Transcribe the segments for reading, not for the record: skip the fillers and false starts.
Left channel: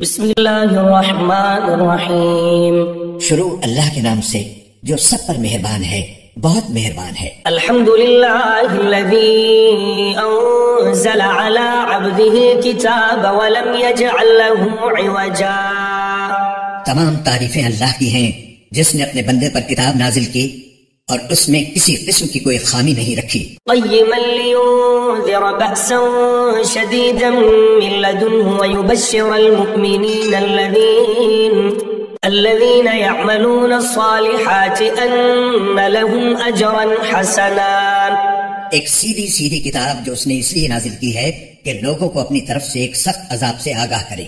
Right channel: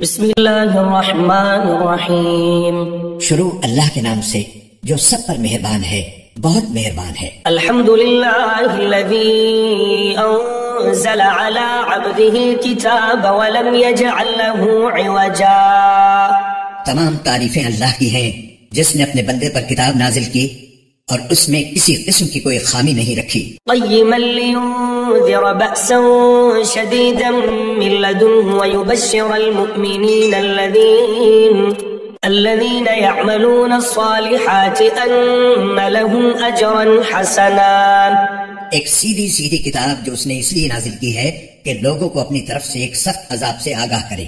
بسم اللہ الرحمن الرحیم. شروع اللہ کے نام سے جو سب پر مہربان ہے، بہت مہربان ہے. الحمد للہ الذی انزل علی عبده الكتاب ولم یجعل له عوجا. تمام تعریفیں اللہ کی ہیں جس نے اپنے بندے پر کتاب نازل کی اور اس میں کسی قسم کی کوئی خامی نہیں رکھی. قیما لینذر بأسا شدیدا من لدنه ویبشر المؤمنین الذین یعملون الصالحات ان لهم اجرا حسنا. ایک سیدھی کتاب جو اس نے اس لیے نازل کی ہے کہ لوگوں کو اپنی طرف سے ایک سخت عذاب سے آگاہ کرے،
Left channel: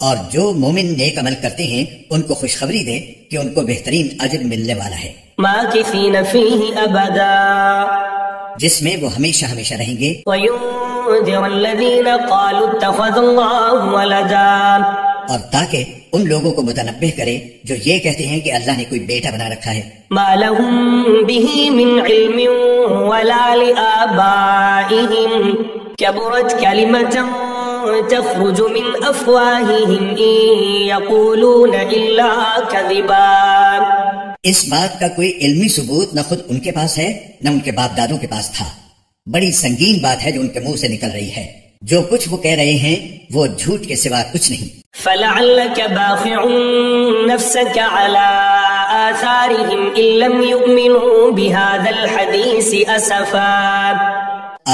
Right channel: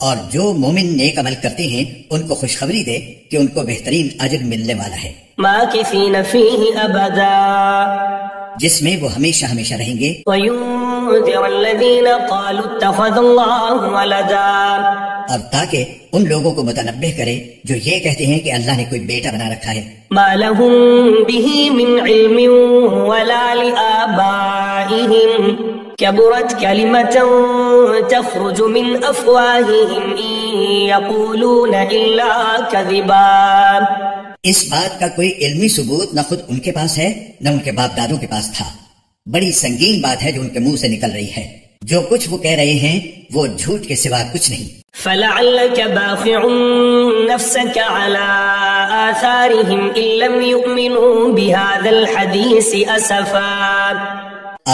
اور جو مومن نیک عمل کرتے ہیں ان کو خوشخبری دے کہ ان کو بہترین اجر ملنے والا ہے. ماکثین فیہ ابدا، جس میں وہ ہمیشہ ہمیشہ رہیں گے. وینذر الذین قالوا اتخذ اللہ ولدا، اور تاکہ ان لوگوں کو متنبہ کرے جو یہ کہتے ہیں کہ اللہ نے کوئی بیٹا بنا رکھا ہے. ما لهم به من علم ولا لآبائهم كبرت كلمة تخرج من أفواههم إن يقولون إلا كذبا. اس بات کا کوئی علمی ثبوت نہ خود ان کے پاس ہے نہ ان کے باپ دادوں کے پاس تھا. بڑی سنگین بات ہے جو ان کے منہ سے نکل رہی ہے. جو کچھ وہ کہہ رہے ہیں وہ جھوٹ کے سوا کچھ نہیں. فلعلك باخع نفسك على آثارهم إن لم يؤمنوا بهذا الحديث أسفا.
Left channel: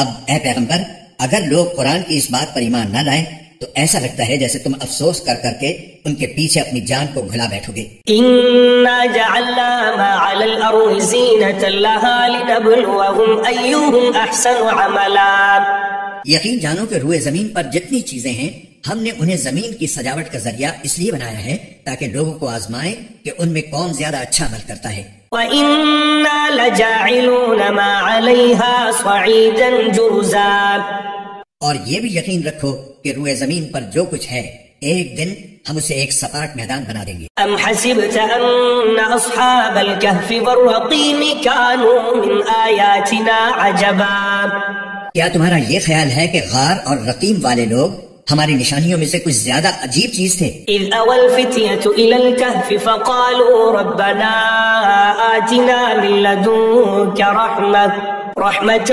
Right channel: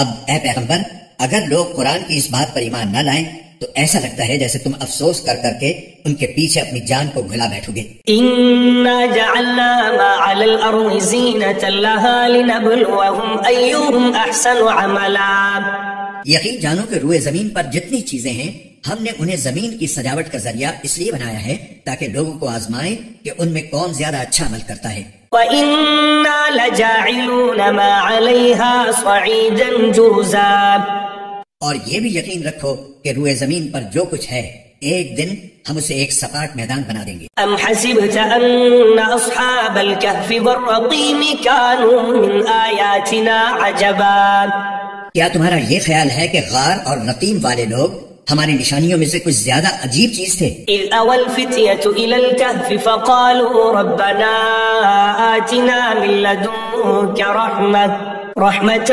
اب اے پیغمبر، اگر لوگ قرآن کی اس بات پر ایمان نہ لائیں تو ایسا لگتا ہے جیسے تم افسوس کر کر کے ان کے پیچھے اپنی جان کو گھلا بیٹھو گے. إنا جعلنا ما على الأرض زينة لها لنبلوهم أيهم أحسن عملا. یقین جانو کہ روئے زمین پر جتنی چیزیں ہیں ہم نے انہیں زمین کی سجاوٹ کا ذریعہ اس لیے بنایا ہے تاکہ لوگوں کو آزمائیں کہ ان میں کون زیادہ اچھا عمل کرتا ہے. وَإِنَّا لَجَاعِلُونَ مَا عَلَيْهَا صَعِيدًا جُرُزًا. اور یہ بھی یقین رکھو کہ روئے زمین پر جو کچھ ہے ایک دن ہم اسے ایک سپاٹ میدان بنا دیں گے. أَمْ حَسِبْتَ أَنَّ أَصْحَابَ الْكَهْفِ وَالرَّقِيمِ كَانُوا مِنْ آيَاتِنَا عَجَبًا. کیا تمہارا یہ خیال ہے کہ غار اور رقیم والے لوگ ہماری نشانیوں میں سے کچھ زیادہ عجیب چیز تھے؟ إِذْ أَوَى الْفِتْيَةُ إِلَى الْكَهْفِ فَقَالُوا رَبَّنَا آتِنَا مِن لَّدُنكَ رَحْمَةً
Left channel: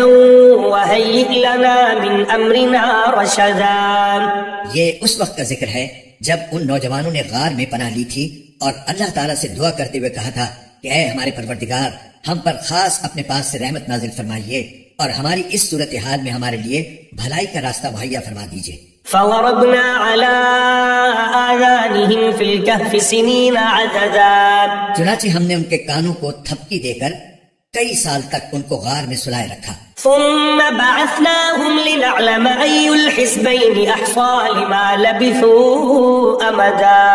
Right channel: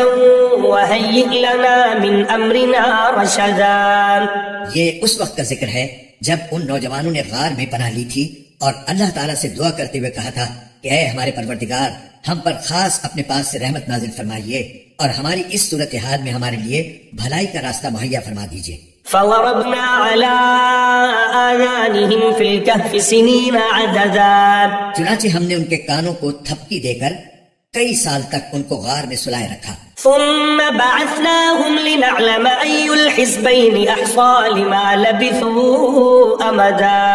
وَهَيِّئْ لَنَا مِنْ أَمْرِنَا رَشَدًا. یہ اس وقت کا ذکر ہے جب ان نوجوانوں نے غار میں پناہ لی تھی اور اللہ تعالیٰ سے دعا کرتے ہوئے کہا تھا کہ اے ہمارے پروردگار، ہم پر خاص اپنے پاس سے رحمت نازل فرمائیے اور ہماری اس صورتحال میں ہمارے لیے بھلائی کا راستہ مہیا فرما دیجیے. فَوَرَبْنَا عَلَىٰ آذَانِهِمْ فِي الْكَهْفِ سِنِينَ عَدَدًا. چنانچہ ہم نے ان کے کانوں کو تھپکی دے کر کئی سال تک ان کو غار میں سلائے رکھا. ثُمَّ بَعَثْنَاهُمْ لِنَعْلَمَ أَيُّ الْحِزْبَيْنِ أَحْصَىٰ لِمَا لَبِثُوا أَمَدًا.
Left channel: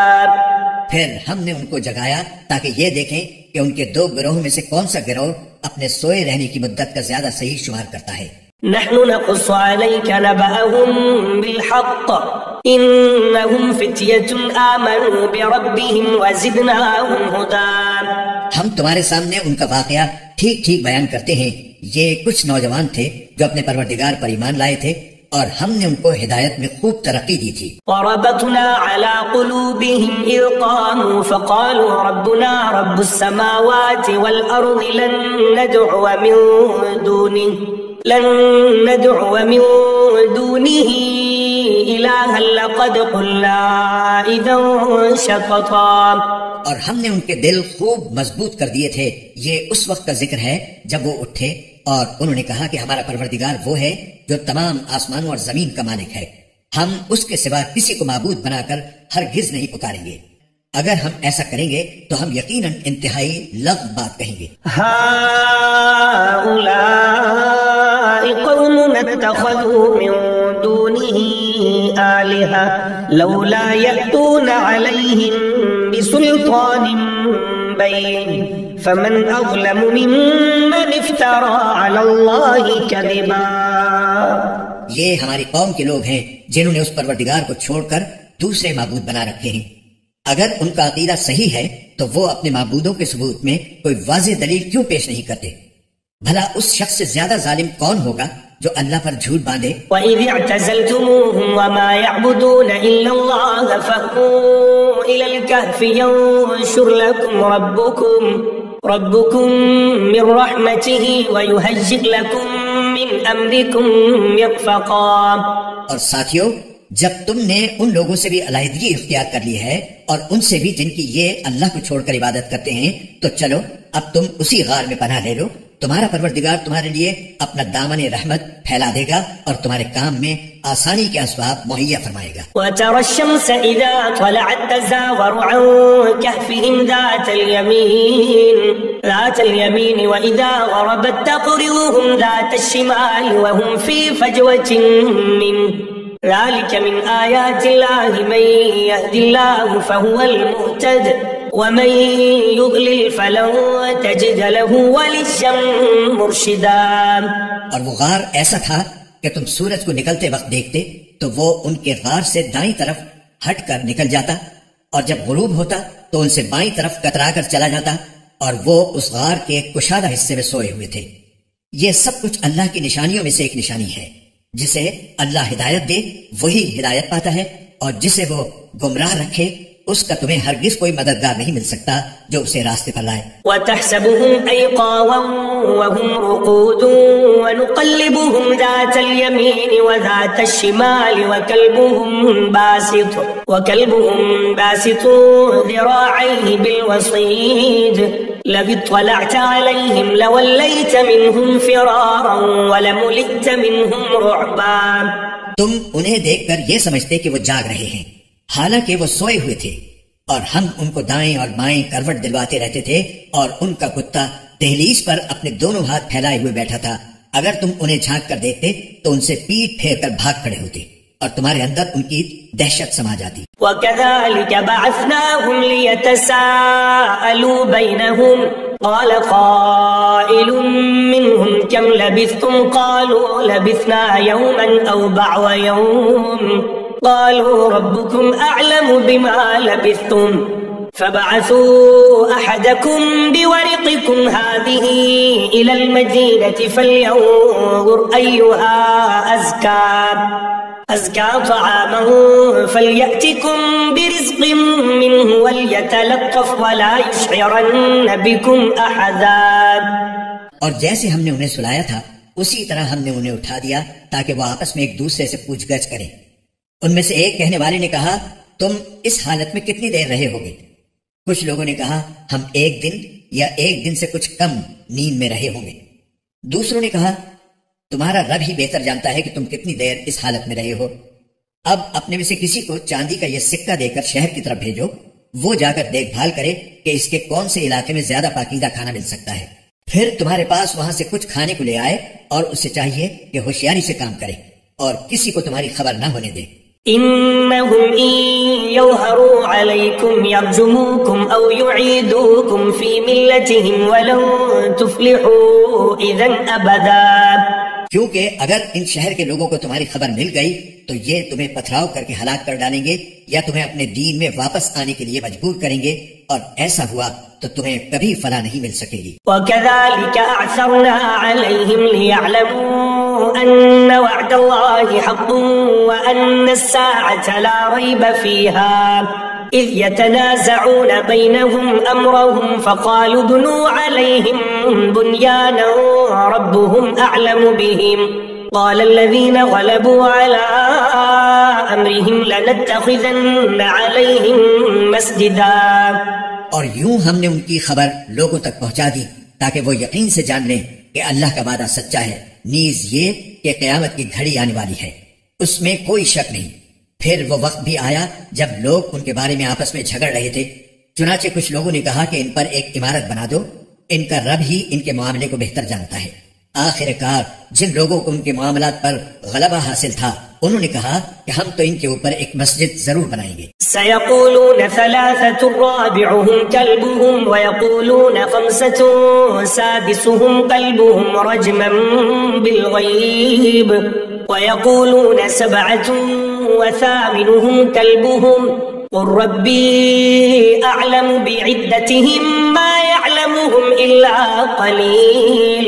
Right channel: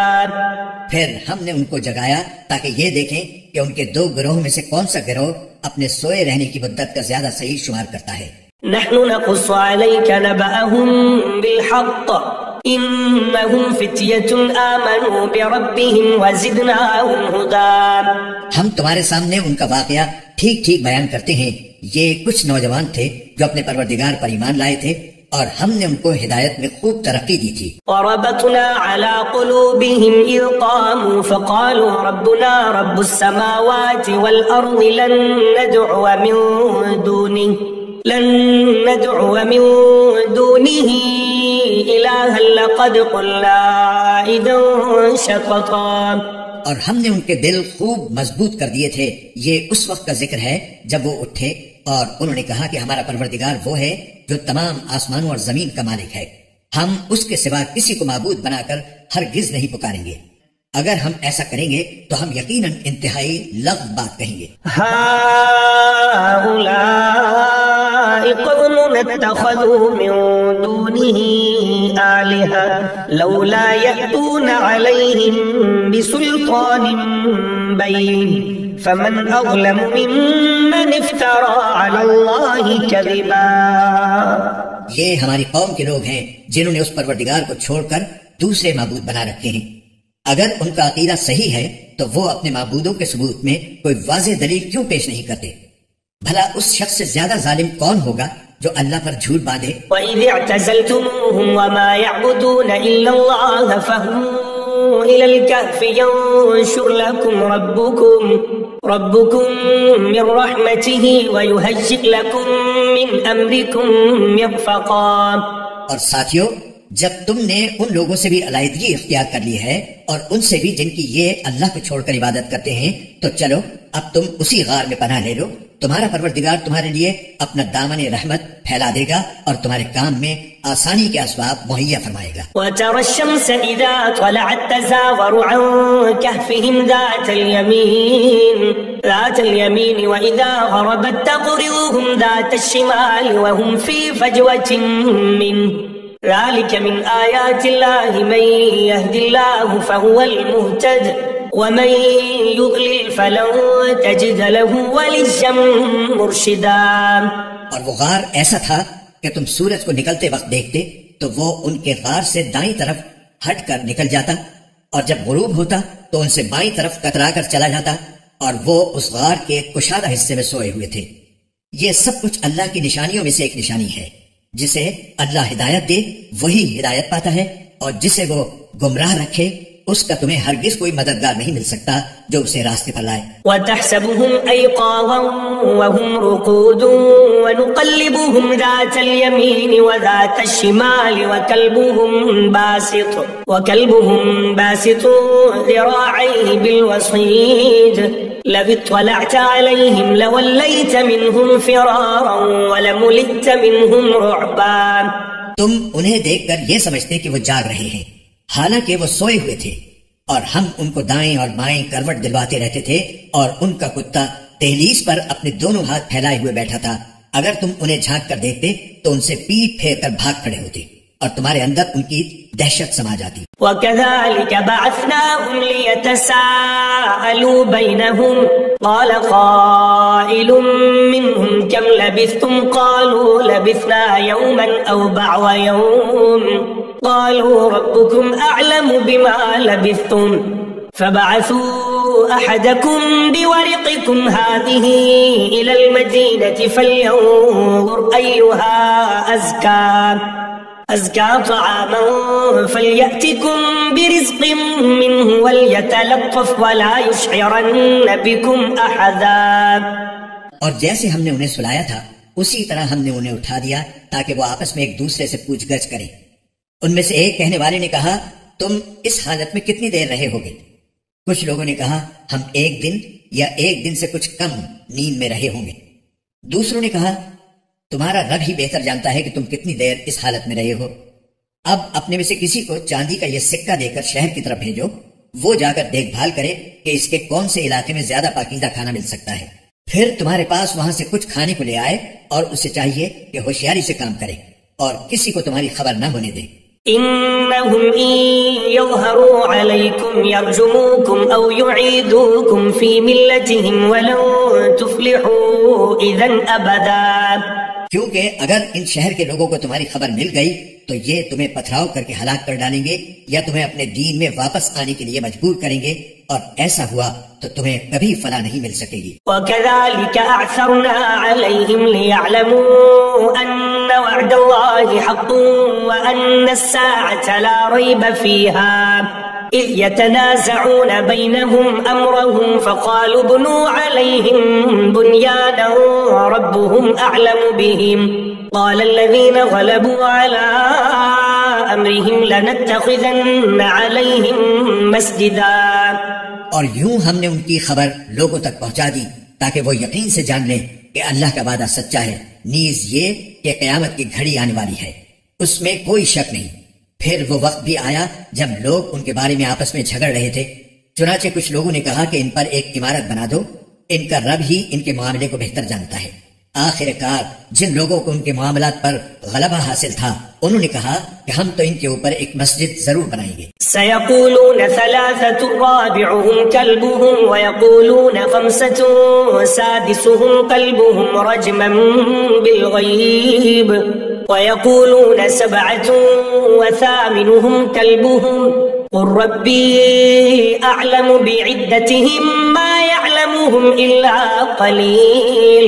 پھر ہم نے ان کو جگایا تاکہ یہ دیکھیں کہ ان کے دو گروہ میں سے کون سا گروہ اپنے سوئے رہنے کی مدت کا زیادہ صحیح شمار کرتا ہے. نحن نقص عليك نبأهم بالحق إنهم فتية آمنوا بربهم وزدناهم هدى. ہم تمہارے سامنے ان کا واقعہ ٹھیک بیان کرتے ہیں. یہ کچھ نوجوان تھے جو اپنے پروردگار پر ایمان لائے تھے اور ہم نے ان کو ہدایت میں خوب ترقی دی تھی. وربطنا على قلوبهم إذ قاموا فقالوا ربنا رب السماوات والأرض لن ندعو من دونه إلها لقد قلنا إذا شططا. اور ہم نے ان کے دل خوب مضبوط کر دیے تھے. یہ اس وقت کا ذکر ہے جب وہ اٹھے اور انہوں نے کہا کہ ہمارا پروردگار وہ ہے جو تمام آسمانوں اور زمین کا مالک ہے، ہم اس کے سوا کسی کو معبود بنا کر ہرگز نہیں پکاریں گے. اگر ہم ایسا کریں گے تو ہم یقیناً انتہائی لغو بات کہیں گے. هؤلاء قوم اتخذوا من دونه آلهة لولا يأتون عليهم بسلطان بين فمن أظلم ممن افترى على الله كذبا. یہ ہماری قوم کے لوگ ہیں جنہوں نے اس پروردگار کو چھوڑ کر دوسرے معبود بنا رکھے ہیں. اگر ان کا عقیدہ صحیح ہے تو وہ اپنے معبودوں کے ثبوت میں کوئی واضح دلیل کیوں پیش نہیں کرتے؟ بھلا اس شخص سے زیادہ ظالم کون ہوگا جو اللہ پر جھوٹ باندھے. وَإِذِ اعْتَزَلْتُمُوهُمْ وَمَا يَعْبُدُونَ إِلَّا اللَّهَ فَاهْوُوا إِلَى الْكَهْفِ يَنشُرْ لَكُمْ رَبُّكُمْ مِنْ رَحْمَتِهِ وَيُهَيِّئْ لَكُمْ مِنْ أَمْرِكُمْ مِرْفَقًا. اور ساتھیو، جب تم نے ان لوگوں سے بھی علیحدگی اختیار کر لی ہے اور ان سے بھی جن کی یہ اللہ کو چھوڑ کر عبادت کرتے ہیں، تو چلو اب تم اسی غار میں پناہ لے لو. تمہارا پروردگار تمہارے لیے اپنا دامن رحمت پھیلا دے گا اور تمہارے کام میں آسانی کے اسباب مہیا فرمائے گا. وَتَرَى الشَّمْسَ إِذَا طَلَعَتْ تَزَاوَرُ عَنْ كَهْفِهِمْ ذَاتَ الْيَمِينِ وَإِذَا غَرَبَتْ تَقْرِضُهُمْ ذَاتَ الشِّمَالِ وَهُمْ فِي فَجْوَةٍ مِّنْهُ ذلك من آيات الله من يهد الله فهو المهتد ومن يضلل فلن تجد له وليا مرشدا. اور وہ غار ایسا تھا کہ تم سورج کو نکلتے وقت دیکھتے تو وہ ان کے غار سے دائیں طرف ہٹ کر نکل جاتا، اور جب غروب ہوتا تو ان سے بائیں طرف کترا کر چلا جاتا، اور وہ اس غار کے کشادہ حصے میں سوئے ہوئے تھے. یہ سب کچھ اللہ کی نشانیوں میں سے ایک نشانی ہے. جسے اللہ ہدایت دے وہی ہدایت پاتا ہے، اور جسے وہ گمراہ رکھے اس کا تمہیں ہرگز کوئی مددگار نہیں مل سکتا جو اسے راستے پر لائے. وَتَحْسَبُهُمْ أَيْقَاظًا وَهُمْ رُقُودٌ وَنُقَلِّبُهُمْ ذَاتَ الْيَمِينِ وَذَاتَ الشِّمَالِ وَكَلْبُهُمْ بَاسِطٌ ذِرَاعَيْهِ بِالْوَصِيدِ لَوِ اطَّلَعْتَ عَلَيْهِمْ لَوَلَّيْتَ مِنْهُمْ فِرَارًا وَلَمُلِئْتَ مِنْهُمْ رُعْبًا. تم انہیں دیکھ کر یہ سمجھتے کہ وہ جاگ رہے ہیں، حالانکہ وہ سوئے ہوئے تھے، اور ہم ان کو دائیں اور بائیں کروٹ دلواتے رہتے تھے، اور ان کا کتا دہلیز پر اپنے دونوں ہاتھ پھیلائے ہوئے بیٹھا تھا. اگر تم انہیں جھانک کر دیکھتے تو ان سے پیٹ پھیر کر بھاگ کھڑے ہوتے، اور تمہارے اندر ان کی دہشت سما جاتی. وَكَذَلِكَ بَعَثْنَاهُمْ لِيَتَسَاءَلُوا بَيْنَهُمْ قَالَ قَائِلٌ مِّنْهُمْ كَمْ لَبِثْتُمْ قَالُوا لَبِثْنَا يَوْمًا أَوْ بَعْضَ يَوْمٍ قَالُوا رَبُّكُمْ أَعْلَمُ بِمَا لَبِثْتُمْ فَبَعَثُوا أَحَدَكُمْ بِوَرِقِكُمْ هَٰذِهِ إِلَى الْمَدِينَةِ فَلْيَنظُرْ أَيُّهَا أزكى طعاما فليأتكم برزق منه وليتلطف ولا يشعرن بكم أحدا. اور جیسے ہم نے انہیں سلایا تھا اسی طرح ہم نے انہیں اٹھا دیا تاکہ وہ آپس میں ایک دوسرے سے پوچھ گچھ کریں. ان میں سے ایک کہنے والے نے کہا، تم اس حالت میں کتنی دیر رہے ہوگے؟ کچھ لوگوں نے کہا، ہم 1 دن یا 1 دن سے کچھ کم نیند میں رہے ہوں گے. دوسروں نے کہا، تمہارا رب ہی بہتر جانتا ہے کہ تم کتنی دیر اس حالت میں رہے ہو. اب اپنے میں سے کسی کو چاندی کا یہ سکہ دے کر شہر کی طرف بھیجو، وہ جا کر دیکھ بھال کرے کہ اس کے کون سے علاقے میں زیادہ پاکیزہ کھانا مل سکتا ہے. پھر تمہارے پاس وہاں سے کچھ کھانے کو لے آئے، اور اسے چاہیے کہ ہوشیاری سے کام کرے اور کسی کو تمہاری خبر نہ ہونے دے. إنهم إن يظهروا عليكم يرجموكم أو يعيدوكم في ملتهم ولن تفلحوا إذا أبدا. کیونکہ اگر ان شہر کے لوگوں کو تمہاری خبر مل گئی تو یہ تمہیں پتھراؤ کر کے ہلاک کر ڈالیں گے یا تمہیں اپنے دین میں واپس آنے کے لیے مجبور کریں گے، اور ایسا ہوا تو تمہیں کبھی فلاح نہیں مل سکے گی. وَكَذَلِكَ أَعْثَرْنَا عَلَيْهِمْ لِيَعْلَمُوا أَنَّ وَعْدَ اللَّهِ حَقٌّ وَأَنَّ السَّاعَةَ لَا رَيْبَ فِيهَا إذ يتنازعون بينهم أمرهم فقالوا ابنوا عليهم بنيانا ربهم أعلم بهم قال الذين غلبوا على أمرهم لنتخذن عليهم مسجدا. اور یوں ہم نے ان کی خبر لوگوں تک پہنچا دی تاکہ وہ یقین سے جان لیں کہ اللہ کا وعدہ سچا ہے، نیز یہ کہ قیامت کی گھڑی آنے والی ہے، اس میں کوئی شک نہیں. پھر وہ وقت بھی آیا جب لوگ ان کے بارے میں آپس میں جھگڑ رہے تھے، چنانچہ کچھ لوگوں نے کہا کہ ان پر ایک عمارت بنا دو، ان کا رب ہی ان کے معاملے کو بہتر جانتا ہے. آخر کار جن لوگوں کو ان کے معاملات پر غلبہ حاصل تھا انہوں نے کہا کہ ہم تو ان کے اوپر ایک مسجد ضرور بنائیں گے. سيقولون 3 رابعهم كلبهم ويقولون 5 سادسهم كلبهم رجما بالغيب ويقولون 7 وثامنهم كلبهم قل ربي أعلم بعدتهم ما يعلمهم إلا قليل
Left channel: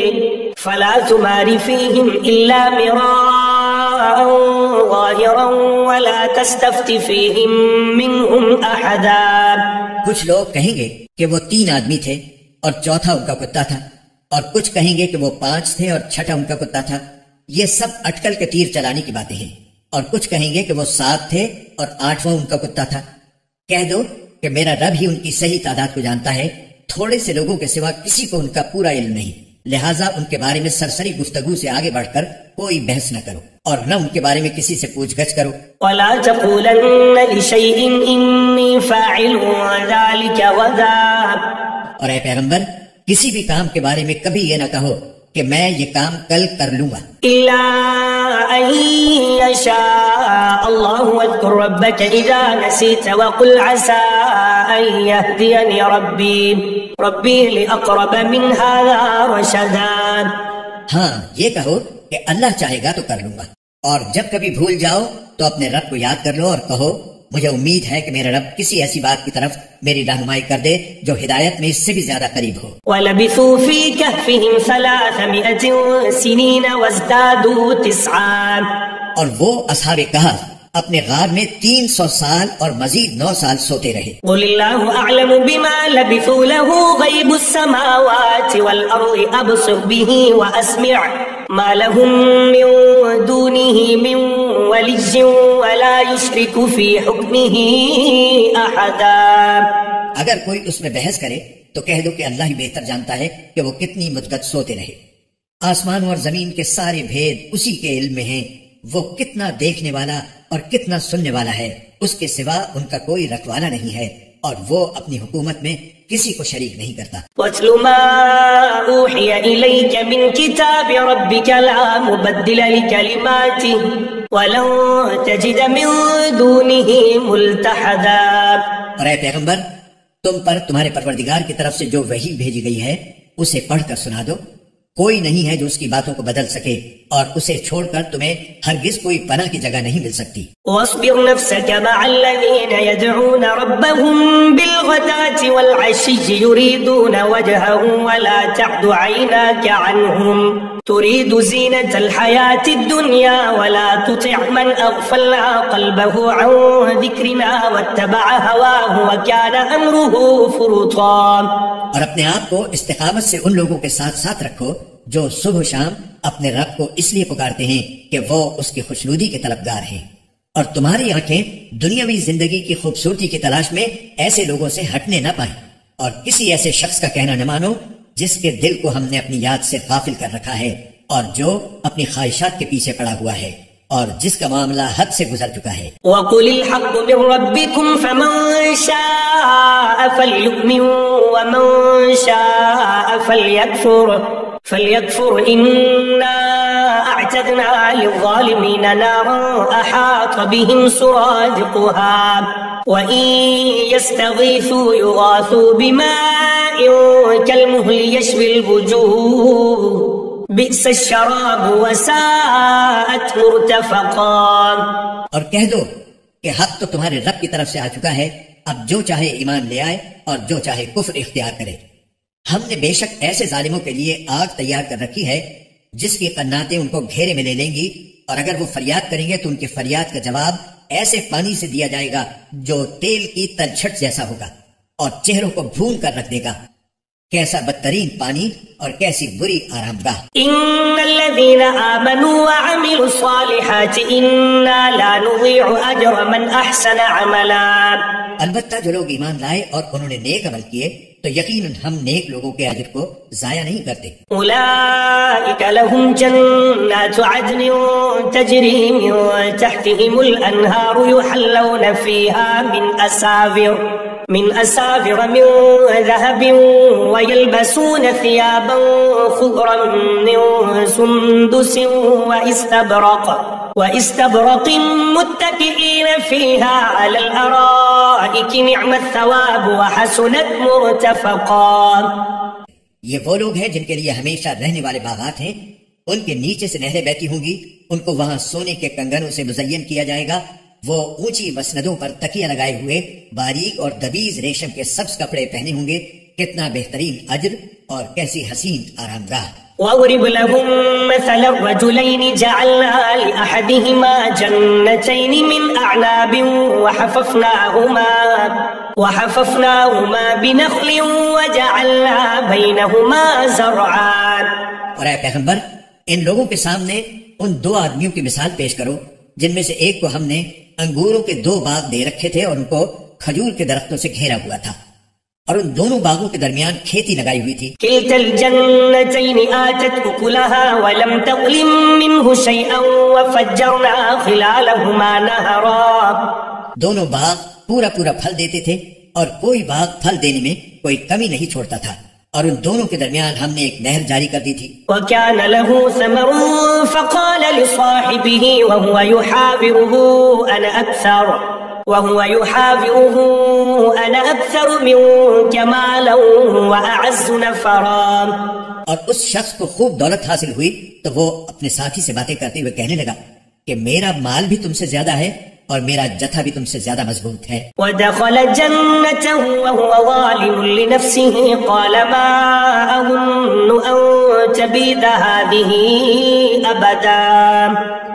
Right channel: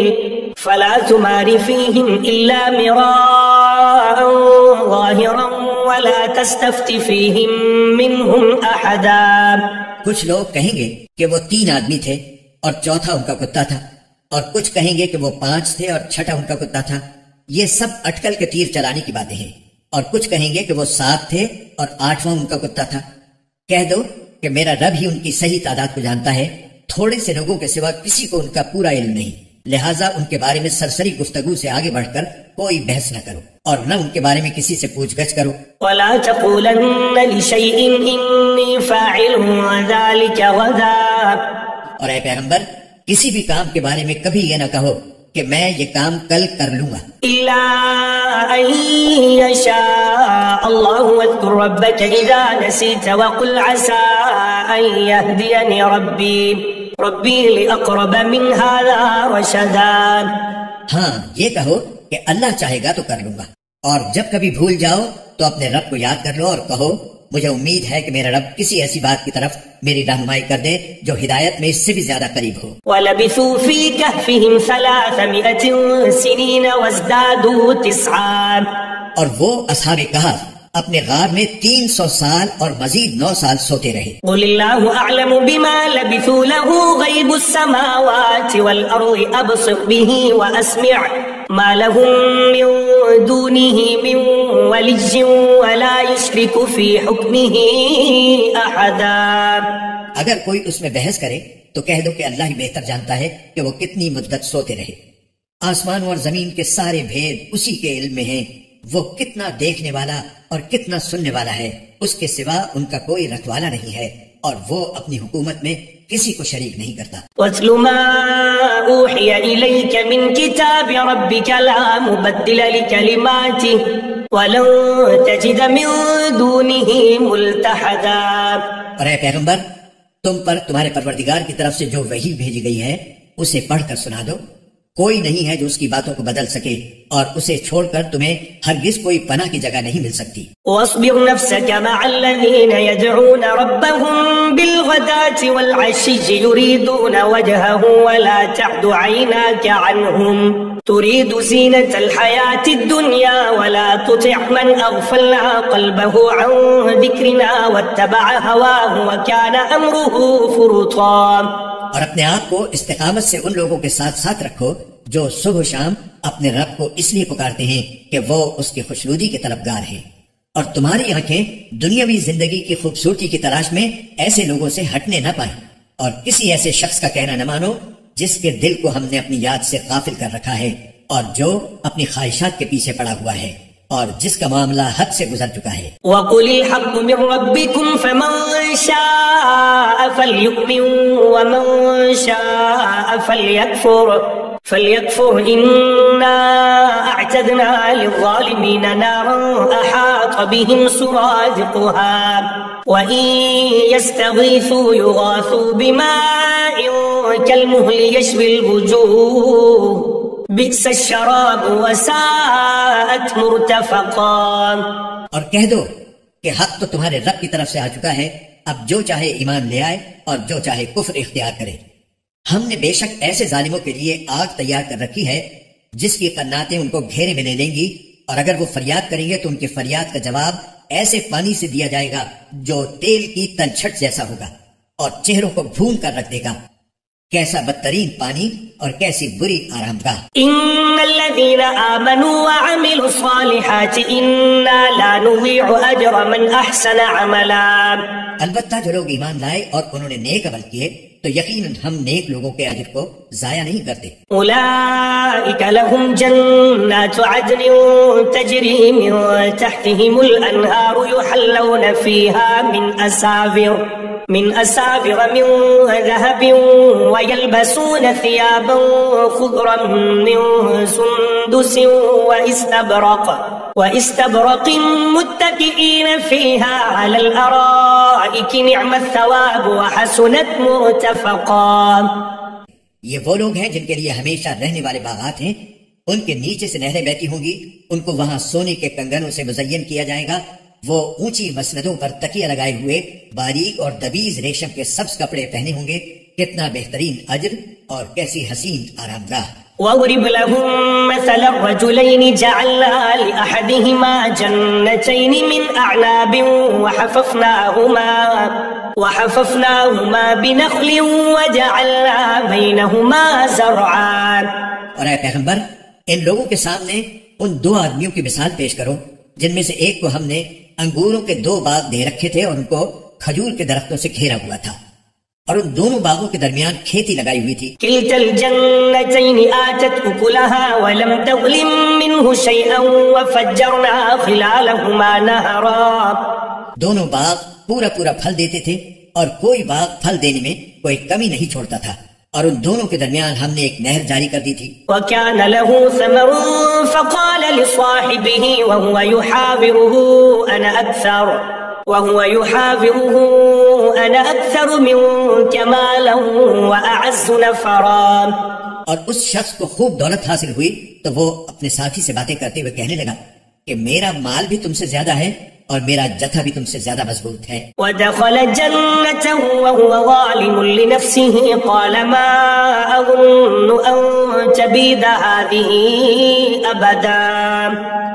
فلا تمار فيهم إلا مراء ظاهرا ولا تستفت فيهم منهم أحدا. کچھ لوگ کہیں گے کہ وہ 3 آدمی تھے اور چوتھا ان کا کتا تھا، اور کچھ کہیں گے کہ وہ 5 تھے اور چھٹا ان کا کتا تھا. یہ سب اٹکل کے تیر چلانے کی باتیں ہیں. اور کچھ کہیں گے کہ وہ 7 تھے اور 8واں ان کا کتا تھا. کہہ دو کہ میرا رب ہی ان کی صحیح تعداد کو جانتا ہے، تھوڑے سے لوگوں کے سوا کسی کو ان کا پورا علم نہیں، لہٰذا ان کے بارے میں سرسری گفتگو سے آگے بڑھ کر کوئی بحث نہ کرو اور نہ ان کے بارے میں کسی سے پوچھ گچھ کرو. وَلَا تَقُولَنَّ لِشَيْءٍ إِنِّي فَاعِلٌ ذَلِكَ غَدًا. اور اے پیغمبر، کسی بھی کام کے بارے میں کبھی یہ نہ کہو کہ میں یہ کام کل کر لوں گا، إِلَّا أَن يَشَاءَ اللَّهُ وَاذْكُر رَّبَّكَ إِذَا نَسِيتَ وَقُلْ عَسَىٰ أَن يَهْدِيَنِ رَبِّي لِأَقْرَبَ مِنْ هَٰذَا رَشَدًا. ہاں یہ کہو کہ اللہ چاہے گا تو کر لوں گا، اور جب کبھی بھول جاؤ تو اپنے رب کو یاد کر لو اور کہو مجھے امید ہے کہ میرا رب کسی ایسی بات کی طرف میری رہنمائی کر دے جو ہدایت میں اس سے بھی زیادہ قریب ہو. وَلَبِثُوا فِي كَهْفِهِمْ 300 سِنِينَ وَازْدَادُوا 9. اور وہ اصحاب کہف اپنے غار میں 300 سال اور مزید 9 سال سوتے رہے. قُلِ اللَّهُ أَعْلَمُ بِمَا لَبِثُوا لَهُ غَيْبُ السَّمَاوَاتِ وَالْأَرْضِ أَبْصِرْ بِهِ وَأَسْمِعْ مَا لَهُم مِّن دُونِهِ مِن وَلِيٍّ وَلَا يُشْرِكُ فِي حُكْمِهِ أَحَدًا. اگر کوئی اس میں بحث کرے تو کہہ دو کہ اللہ ہی بہتر جانتا ہے کہ وہ کتنی مدت سوتے رہے. آسمان اور زمین کے سارے بھید اسی کے علم میں ہیں. وہ کتنا دیکھنے والا اور کتنا سننے والا ہے، اس کے سوا ان کا کوئی رکھوالا نہیں ہے، اور وہ اپنی حکومت میں کسی کو شریک نہیں کرتا. وَاتْلُ مَا أُوحِيَ إِلَيْكَ مِن كِتَابِ رَبِّكَ لَا مُبَدِّلَ لِكَلِمَاتِهِ وَلَن تَجِدَ مِن دُونِهِ مُلْتَحَدًا. اور اے پیغمبر، تم پر تمہارے پروردگار کی طرف سے جو وحی بھیجی گئی ہے اسے پڑھ کر سنا دو. کوئی نہیں ہے جو اس کی باتوں کو بدل سکے، اور اسے چھوڑ کر تمہیں ہرگز کوئی پناہ کی جگہ نہیں مل سکتی. واصبر نفسك مع الذين يدعون ربهم بالغداة والعشي يريدون وجهه ولا تعد عيناك عنهم تريد زينة الحياة الدنيا ولا تطع من أغفلنا قلبه عن ذكرنا واتبع هواه وكان أمره فرطا. اور اپنے آپ کو استقامت سے ان لوگوں کے ساتھ ساتھ رکھو جو صبح و شام اپنے رب کو اس لیے پکارتے ہیں کہ وہ اس کی خوشنودی کے طلبگار ہیں، اور تمہاری آنکھیں دنیاوی زندگی کی خوبصورتی کی تلاش میں ایسے لوگوں سے ہٹنے نہ پائیں، اور کسی ایسے شخص کا کہنا نہ مانو جس کے دل کو ہم نے اپنی یاد سے غافل کر رکھا ہے، اور جو اپنی خواہشات کے پیچھے پڑا ہوا ہے، اور جس کا معاملہ حد سے گزر چکا ہے. وَقُلِ الْحَقُّ مِن رَّبِّكُمْ فَمَن شَاءَ فَلْيُؤْمِن وَمَن شَاءَ فَلْيَكْفُرْ إِنَّا أَعْتَدْنَا لِلظَّالِمِينَ نَارًا أَحَاطَ بِهِمْ سُرَادِقُهَا وَإِن يَسْتَغِيثُوا يُغَاثُوا بِمَاءٍ كَالْمُهْلِ يَشْوِي الْوُجُوهَ بِئْسَ الشَّرَابُ وَسَاءَتْ مُرْتَفَقًا. اور کہہ دو کہ حق تو تمہارے رب کی طرف سے آ چکا ہے، اب جو چاہے ایمان لے آئے اور جو چاہے کفر اختیار کرے. ہم نے بے شک ایسے ظالموں کے لیے آگ تیار کر رکھی ہے جس کی قناتیں ان کو گھیرے میں لے لیں گی، اور اگر وہ فریاد کریں گے تو ان کی فریاد کا جواب ایسے پانی سے دیا جائے گا جو تیل کی تنچھٹ جیسا ہوگا اور چہروں کو بھون کر رکھ دے گا. کیسا بدترین پانی اور کیسی بری آرام گاہ. ان الذين آمنوا وعملوا الصالحات انا لا نضيع اجر من احسن عملا. البتہ جو لوگ ایمان لائے اور انہوں نے نیک عمل کیے تو یقیناً ہم نیک لوگوں کے اجر کو ضائع نہیں کرتے. اولئک لهم جنات عدن تجری من تحتهم الانہار يحلون فيها من أساور من ذهب ويلبسون ثيابا خضرا من سندس وإستبرق متكئين فيها على الأرائك نعم الثواب وحسنت مرتفقا. یہ وہ لوگ ہیں جن کے لیے ہمیشہ رہنے والے باغات ہیں، ان کے نیچے سے نہریں بہتی ہوں گی، ان کو وہاں سونے کے کنگنوں سے مزین کیا جائے گا. وہ اونچی مسندوں پر تکیہ لگائے ہوئے باریک اور دبیز ریشم کے سبز کپڑے پہنے ہوں گے. کتنا بہترین اجر اور کیسی حسین آرام گاہ. واضرب لهم مثل الرجلين جعلنا لأحدهما جنتين من أعناب وحففناهما بنخل وجعلنا بينهما زرعا. اور اے پیغمبر، ان لوگوں کے سامنے ان دو آدمیوں کی مثال پیش کرو جن میں سے ایک کو ہم نے انگوروں کے 2 باغ دے رکھے تھے اور ان کو کھجور کے درختوں سے گھیرا ہوا تھا، اور ان دونوں باغوں کے درمیان کھیتی لگائی ہوئی تھی. كلتا الجنتين آتت أكلها ولم تظلم منه شيئا وفجرنا خلالهما نهرا. دونوں باغ پورا پھل دیتے تھے اور کوئی باغ پھل دینے میں کوئی کمی نہیں چھوڑتا تھا، اور ان دونوں کے درمیان ہم نے ایک نہر جاری کر دی تھی. وكان له ثمر فقال لصاحبه وهو يحاوره أنا أكثر منك مالا وأعز نفرا. اور اس شخص کو خوب دولت حاصل ہوئی تو وہ اپنے ساتھی سے باتیں کرتے ہوئے کہنے لگا کہ میرا مال بھی تم سے زیادہ ہے اور میرا جتھا بھی تم سے زیادہ مضبوط ہے. ودخل جنته وهو ظالم لنفسه قال ما أظن أن تبيد هذه أبدا.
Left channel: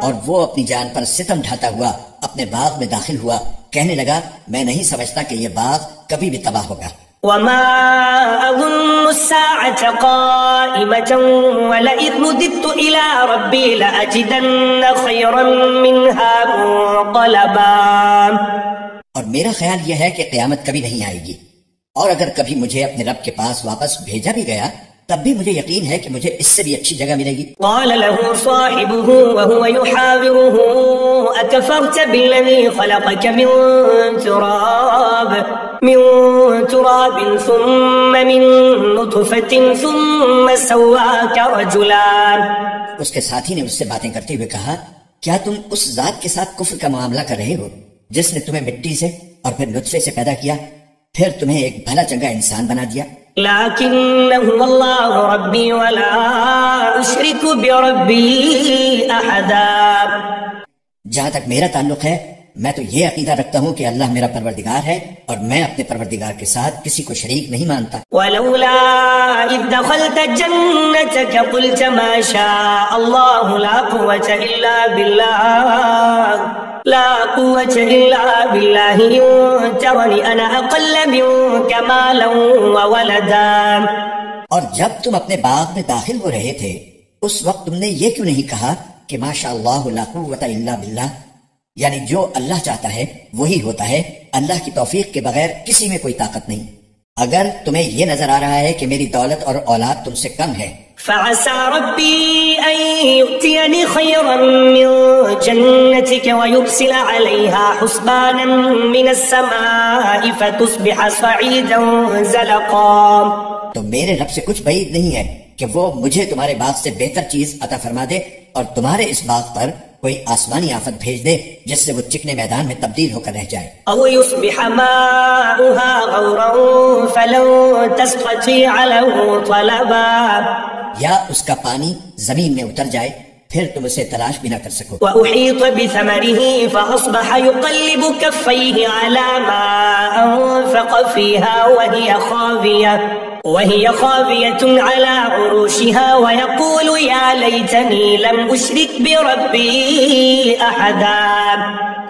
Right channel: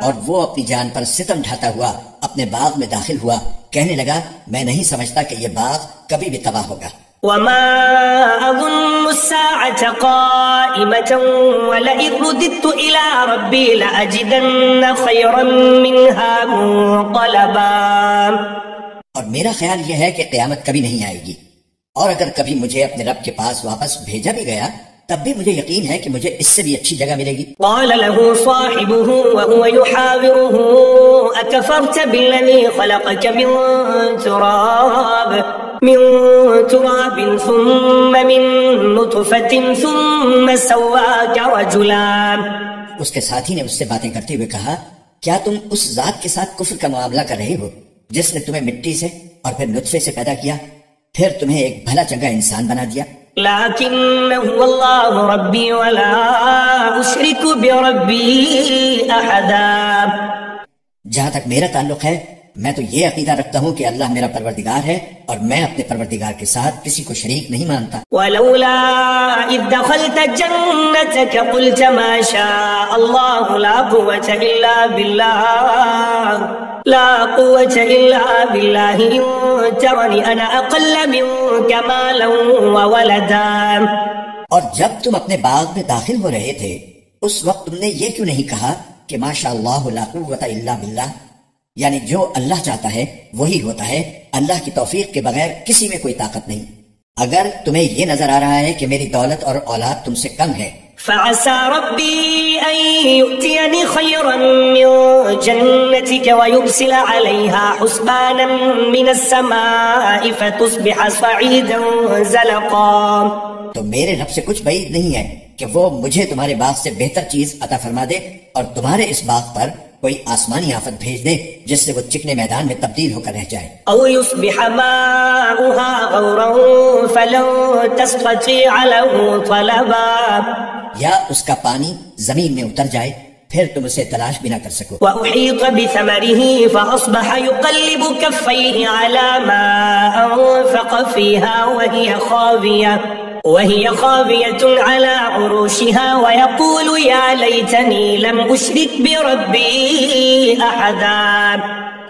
اور وہ اپنی جان پر ستم ڈھاتا ہوا اپنے باغ میں داخل ہوا، کہنے لگا میں نہیں سمجھتا کہ یہ باغ کبھی بھی تباہ ہوگا. وما أظن الساعة قائمة ولئن رددت إلى ربي لأجدن خيرا منها منقلبا. اور میرا خیال یہ ہے کہ قیامت کبھی نہیں آئے گی، اور اگر کبھی مجھے اپنے رب کے پاس واپس بھیجا بھی گیا تب بھی مجھے یقین ہے کہ مجھے اس سے بھی اچھی جگہ ملے گی. قال له صاحبه وهو يحاوره أكفرت بالذي خلقك من تراب ثم من نطفة ثم سواك رجلا. اس کے ساتھی نے اس سے باتیں کرتے ہوئے کہا کیا تم اس ذات کے ساتھ کفر کا معاملہ کر رہے ہو جس نے تمہیں مٹی سے اور پھر نطفے سے پیدا کیا، پھر تمہیں ایک بھلا چنگا انسان بنا دیا. لكنه الله ربي ولا أشرك بربي أحدا. جہاں تک میرا تعلق ہے میں تو یہ عقیدہ رکھتا ہوں کہ اللہ میرا پروردگار ہے اور میں اپنے پروردگار کے ساتھ کسی کو شریک نہیں مانتا. ولولا إذ دخلت جنتك قلت ما شاء الله لا قوة إلا بالله إن ترني أنا أقل منك مالا وولدا. اور جب تم اپنے باغ میں داخل ہو رہے تھے اس وقت تم نے یہ کیوں نہیں کہا کہ ماشاء اللہ لا قوة الا باللہ، یعنی جو اللہ چاہتا ہے وہی ہوتا ہے، اللہ کی توفیق کے بغیر کسی میں کوئی طاقت نہیں. اگر تمہیں یہ نظر آ رہا ہے کہ میری دولت اور اولاد تم سے کم ہے فعسى ربي أن يؤتيني خيرا من جنتك ويرسل عليها حسبانا من السماء فتصبح صعيدا زلقا. تو میرے رب سے کچھ بعید نہیں ہے کہ وہ مجھے تمہارے باغ سے بہتر چیز عطا فرما دے اور تمہارے اس باغ پر کوئی آسمانی آفت بھیج دے جس سے وہ چکنے میدان میں تبدیل ہو کر رہ جائے. او يصبح ماؤها غورا فلن تستطيع له طلبا. یا اس کا پانی زمین میں اتر جائے پھر تم اسے تلاش بھی نہ کر سکو. وأحيط بثمره فأصبح يقلب كفيه على ما أنفق فيها وهي خاوية على عروشها ويقول يا ليتني لم أشرك بربي أحدا.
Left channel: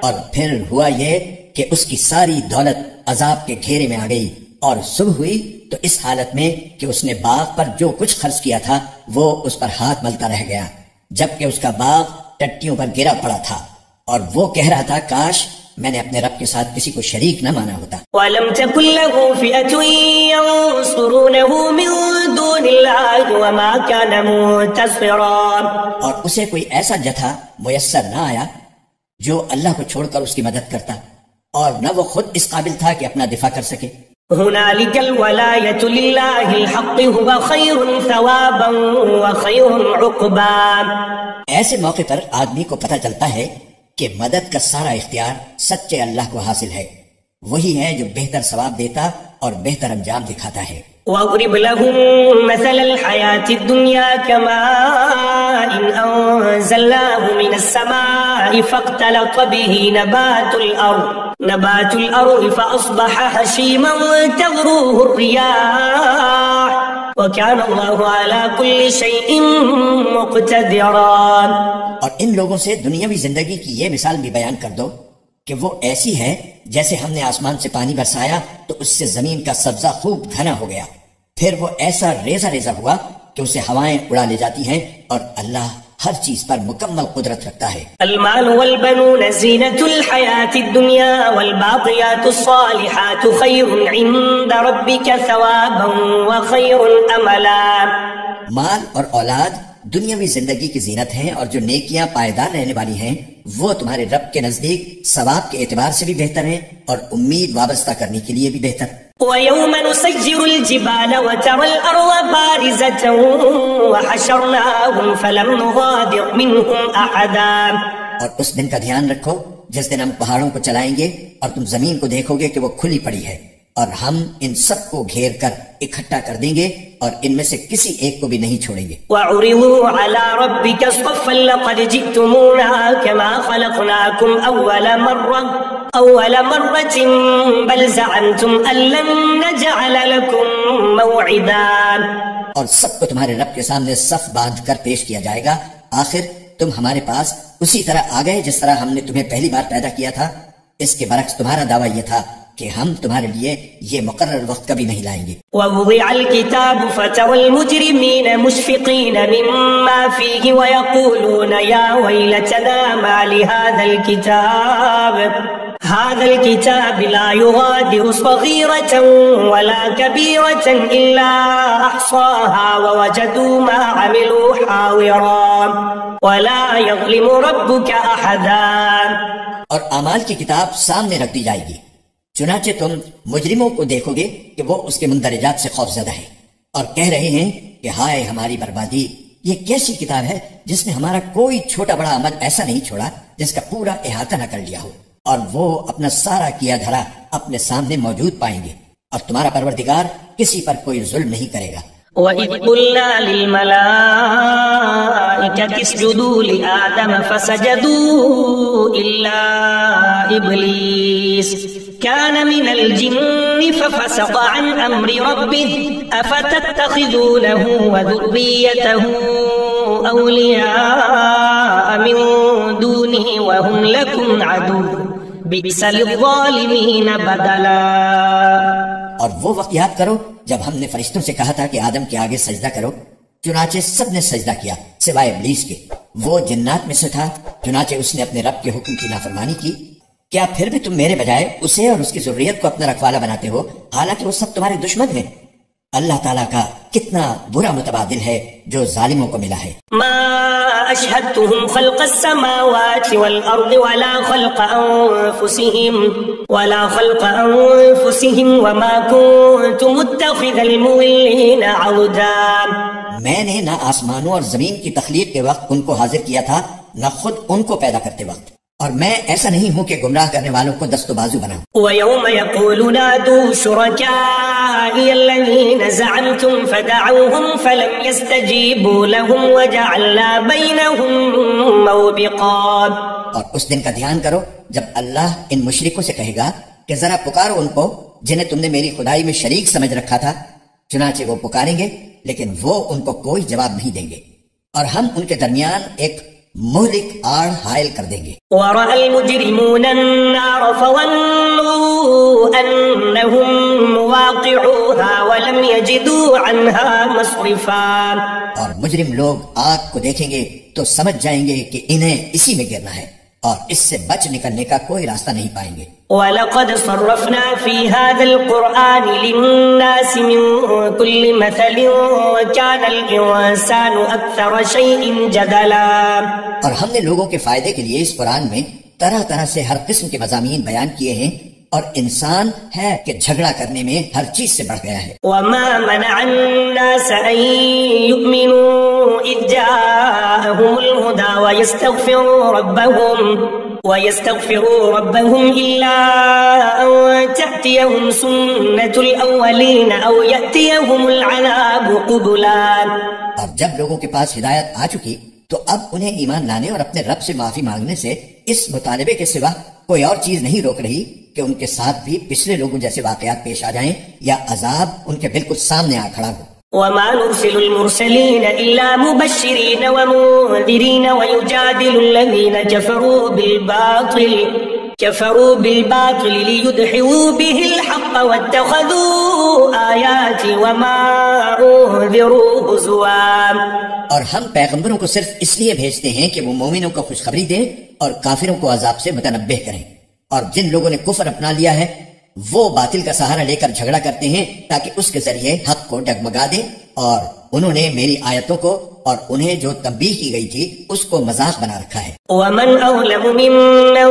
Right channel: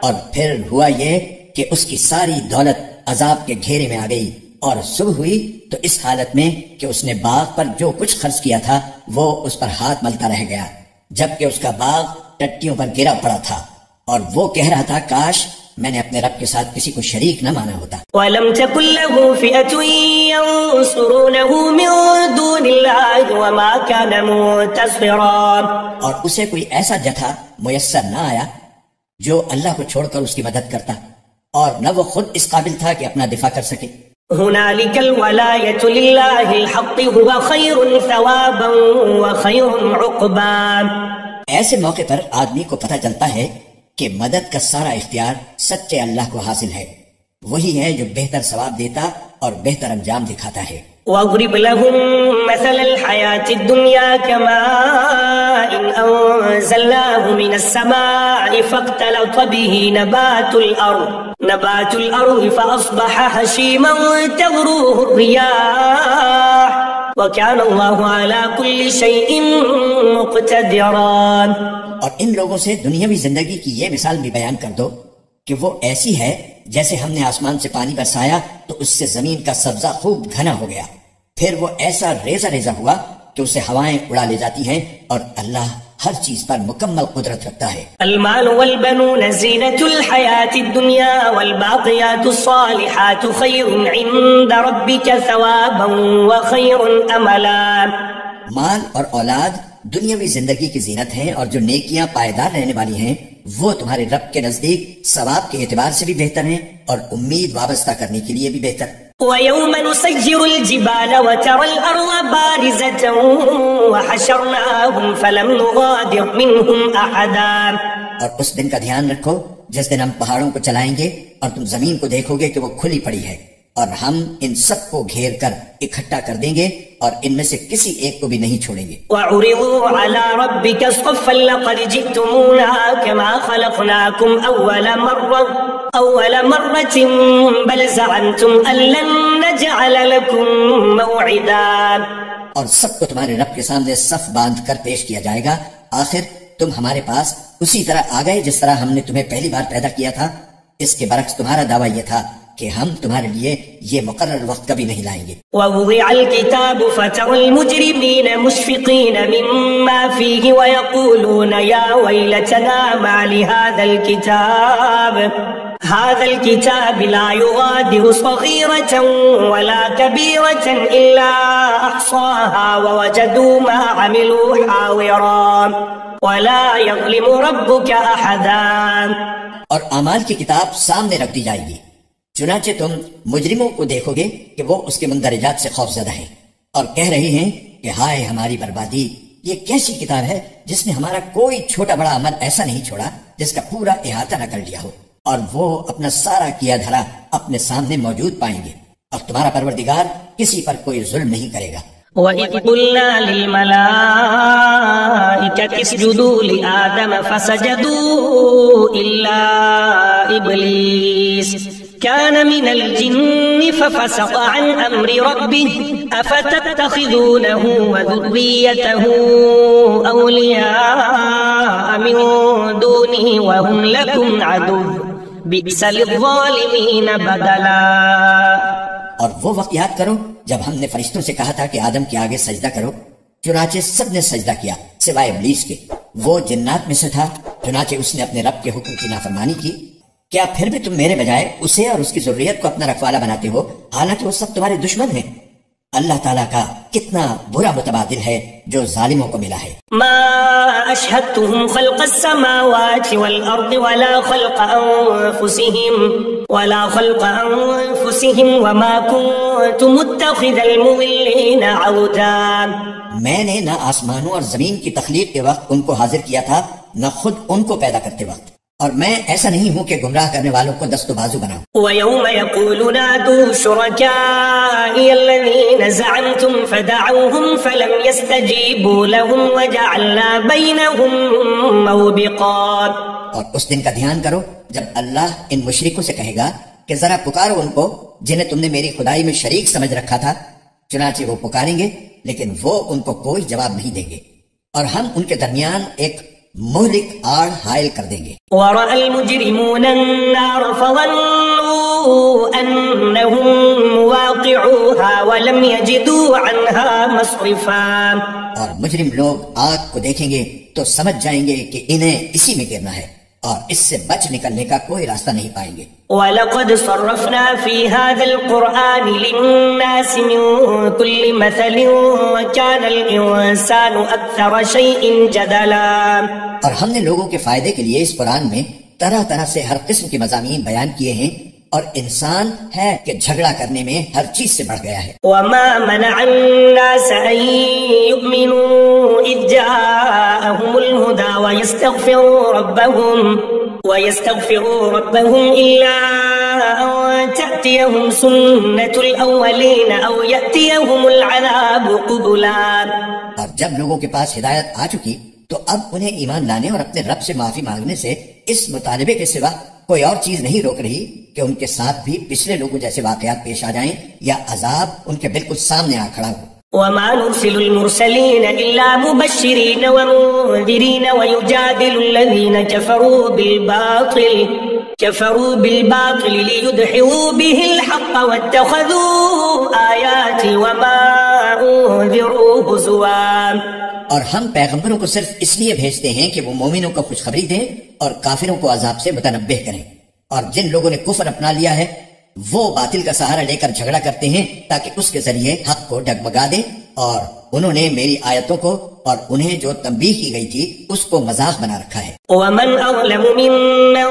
اور پھر ہوا یہ کہ اس کی ساری دولت عذاب کے گھیرے میں آ گئی اور صبح ہوئی تو اس حالت میں کہ اس نے باغ پر جو کچھ خرچ کیا تھا وہ اس پر ہاتھ ملتا رہ گیا، جبکہ اس کا باغ ٹٹیوں پر گرا پڑا تھا، اور وہ کہہ رہا تھا کاش میں نے اپنے رب کے ساتھ کسی کو شریک نہ مانا ہوتا. وَلَمْ تَكُنْ لَهُ فِئَةٌ يَنصُرُونَهُ مِن دُونِ اللَّهِ وَمَا كَانَ مُنتَصِرًا. اور اسے کوئی ایسا جتھا میسر نہ آیا جو اللہ کو چھوڑ کر اس کی مدد کرتا، اور نہ وہ خود اس قابل تھا کہ اپنا دفاع کر سکے. هنالك الولاية لله الحق هو خير ثوابا وخير عقبا. ایسے موقع پر آدمی کو پتہ چلتا ہے کہ مدد کا سارا اختیار سچے اللہ کو حاصل ہے، وہی ہے جو بہتر ثواب دیتا اور بہتر انجام دکھاتا ہے. واضرب لهم مثل الحياة الدنيا كماء أنزلناه من السماء فاختلط به نبات الأرض فأصبح هشيما تذروه الرياح وكان الله على كل شيء مقتدرا. اور ان لوگوں سے دنیاوی زندگی کی یہ مثال بھی بیان کر دو کہ وہ ایسی ہے جیسے ہم نے آسمان سے پانی برسایا تو اس سے زمین کا سبزہ خوب گھنا ہو گیا، پھر وہ ایسا ریزہ ریزہ ہوا کہ اسے ہوائیں اڑا لے جاتی ہیں، اور اللہ ہر چیز پر مکمل قدرت رکھتا ہے. المال والبنون زینة الحیاة الدنیا والباقیات الصالحات خیر عند ربک ثوابا وخیر املا. مال اور اولاد دنیاوی زندگی کی زینت ہیں، اور جو نیکیاں پائیدار رہنے والی ہیں وہ تمہارے رب کے نزدیک ثواب کے اعتبار سے بھی بہتر ہیں اور امید وابستہ کرنے کے لیے بھی بہتر. وَيَوْمَ نُسَيِّرُ الْجِبَالَ وَتَرَى الْأَرْضَ بَارِزَةً وَحَشَرْنَاهُمْ فَلَمْ نُغَادِرْ مِنْهُمْ أَحَدًا. اور اس دن کا دھیان رکھو جس دن ہم پہاڑوں کو چلائیں گے اور تم زمین کو دیکھو گے کہ وہ کھلی پڑی ہے، اور ہم ان سب کو گھیر کر اکٹھا کر دیں گے اور ان میں سے کسی ایک کو بھی نہیں چھوڑیں گے. وَعُرِضُوا عَلَى رَبِّكَ صَفًّا لَقَدْ جِئْتُمُونَا كَمَا خَلَقْنَاكُمْ أَوَّلَ مَرَّةٍ بَلْ زَعَمْتُمْ أَن لَّن نَّجْعَلَ لَكُم مَّوْعِدًا. اور سب کو تمہارے رب کے سامنے صف باندھ کر پیش کیا جائے گا. آخر تم ہمارے پاس اسی طرح آ گئے جس طرح ہم نے تمہیں پہلی بار پیدا کیا تھا. اس کے برعکس تمہارا دعویٰ یہ تھا کہ ہم تمہارے لیے یہ مقرر وقت کبھی نہیں لائیں گے. وَوُضِعَ الْكِتَابُ فَتَرَى الْمُجْرِمِينَ مُشْفِقِينَ مِمَّا فِيهِ وَيَقُولُونَ يَا وَيْلَتَنَا مَا هذا الكتاب لا يغادر صغيرة ولا كبيرة إلا أحصاها ووجدوا ما عملوا حاضرا ولا يظلم ربك أحدا. اور اعمال کی کتاب سامنے رکھ دی جائے گی، چنانچہ تم مجرموں کو دیکھو گے کہ وہ اس کے مندرجات سے خوفزدہ ہیں اور کہہ رہے ہیں کہ ہائے ہماری بربادی، یہ کیسی کتاب ہے جس نے ہمارا کوئی چھوٹا بڑا عمل ایسا نہیں چھوڑا جس کا پورا احاطہ نہ کر لیا ہو، اور وہ اپنا سارا کیا دھرا اپنے سامنے موجود پائیں گے، اور تمہارا پروردگار کسی پر کوئی ظلم نہیں کرے گا. وَإِذْ قُلْنَا لِلْمَلَائِكَةِ اسْجُدُوا لِآدَمَ فَسَجَدُوا إِلَّا إِبْلِيسَ كَانَ مِنَ الْجِنِّ فَفَسَقَ عَنْ أَمْرِ رَبِّهِ أَفَتَتَّخِذُونَهُ وَذُرِّيَّتَهُ أَوْلِيَاءَ مِن دُونِهِ وَهُمْ لَكُمْ عَدُوٌّ بِئْسَ لِلظَّالِمِينَ بَدَلًا. اور وہ وقت یاد کرو جب ہم نے فرشتوں سے کہا تھا کہ آدم کے آگے سجدہ کرو، چنانچہ سب نے سجدہ کیا سوائے ابلیس کے، وہ جنات میں سے تھا، چنانچہ اس نے اپنے رب کے حکم کی نافرمانی کی. کیا پھر بھی تم میرے بجائے اسے اور اس کی ذریت کو اپنا رکھوالا بناتے ہو حالانکہ وہ سب تمہارے دشمن ہیں؟ اللہ تعالیٰ کا کتنا برا متبادل ہے جو ظالموں کو ملا ہے. ما اشهدتهم خلق السماوات والارض ولا خلق انفسهم وما كنت متخذ المضلين عضدا. میں نے نہ آسمانوں اور زمین کی تخلیق کے وقت ان کو حاضر کیا تھا نہ خود ان کو پیدا کرتے وقت، اور میں ایسا نہیں ہوں کہ گمراہ کرنے والوں کو دست و بازو بناؤں. وَيَوْمَ يَقُولُ نَادُوا شُرَكَائِيَ الَّذِينَ زَعَمْتُمْ فَدَعَوْهُمْ فَلَمْ يَسْتَجِيبُوا لَهُمْ وَجَعَلْنَا بَيْنَهُمْ مَوْبِقًا. اور اس دن کا دھیان کرو جب اللہ ان مشرکوں سے کہے گا کہ ذرا پکارو ان کو جنہیں تم نے میری خدائی میں شریک سمجھ رکھا تھا، چنانچہ وہ پکاریں گے لیکن وہ ان کو کوئی جواب نہیں دیں گے، اور ہم ان کے درمیان ایک مہلک آڑ حائل کر دیں گے. وَرَأَى الْمُجْرِمُونَ النَّارَ فَظَنُّوا أَنَّهُمْ مُوَاقِعُوهَا وَلَمْ يَجِدُوا عَنْهَا مَصْرِفًا. اور مجرم لوگ آگ کو دیکھیں گے تو سمجھ جائیں گے کہ انہیں اسی میں گرنا ہے اور اس سے بچ نکلنے کا کوئی راستہ نہیں پائیں گے. وَلَقَدْ صَرَّفْنَا فِي هَذَا الْقُرْآنِ لِلنَّاسِ مِنْ كُلِّ مَثَلٍ وَكَانَ الْإِنسَانُ أَكْثَرَ شَيْءٍ جَدَلًا. اور ہم نے لوگوں کے فائدے کے لیے اس قرآن میں طرح طرح سے ہر قسم کے مضامین بیان کیے ہیں، اور انسان ہے کہ جھگڑا کرنے میں ہر چیز سے بڑھ گیا ہے. وَمَا مَنَعَ النَّاسَ أَن يُؤْمِنُوا إِذْ جَاءَهُمُ الْهُدَى وَيَسْتَغْفِرُوا رَبَّهُمْ إِلَّا أَن تَأْتِيَهُمْ سُنَّةُ الْأَوَّلِينَ أَوْ يَأْتِيَهُمُ الْعَذَابُ قُبُلًا. اور جب لوگوں کے پاس ہدایت آ چکی تو اب انہیں ایمان لانے اور اپنے رب سے معافی مانگنے سے اس مطالبے کے سوا کوئی اور چیز نہیں روک رہی کہ ان کے ساتھ بھی پچھلے لوگوں جیسے واقعات پیش آ جائیں یا عذاب ان کے بالکل سامنے آ کھڑا ہو. وما نرسل المرسلين إلا مبشرين ومنذرين ويجادل الذين كفروا بالباطل ليدحضوا به الحق واتخذوا آياتي وما أنذروا هزوا. اور ہم پیغمبروں کو صرف اس لیے بھیجتے ہیں کہ وہ مومنوں کو خوشخبری دیں اور کافروں کو عذاب سے متنبہ کریں. اور جن لوگوں نے کفر اپنا لیا ہے وہ باطل کا سہارا لے کر جھگڑا کرتے ہیں تاکہ اس کے ذریعے حق کو ڈگمگا دے، اور انہوں نے میری آیتوں کو اور انہیں جو تنبیہ کی گئی تھی اس کو مذاق بنا رکھا ہے. ومن أظلم ممن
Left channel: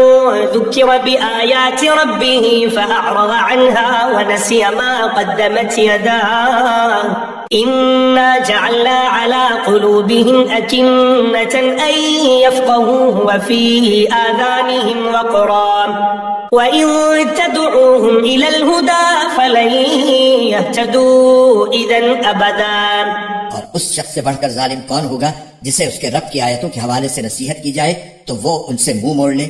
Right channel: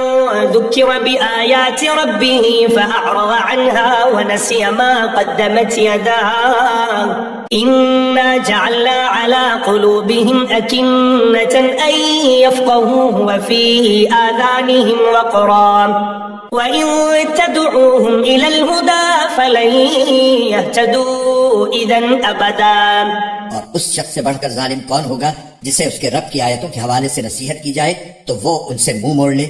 ذكر بآيات ربه فأعرض عنها ونسي ما قدمت يداه إنا جعلنا على قلوبهم أكنة أن يفقهوه وفي آذانهم وقرا وَإِن تَدْعُوهُمْ إِلَى الْهُدَى فَلَن يَهْتَدُوا إِذًا أَبَدًا. اور اس شخص سے بڑھ کر ظالم کون ہوگا جسے اس کے رب کی آیتوں کے حوالے سے نصیحت کی جائے تو وہ ان سے منہ موڑ لے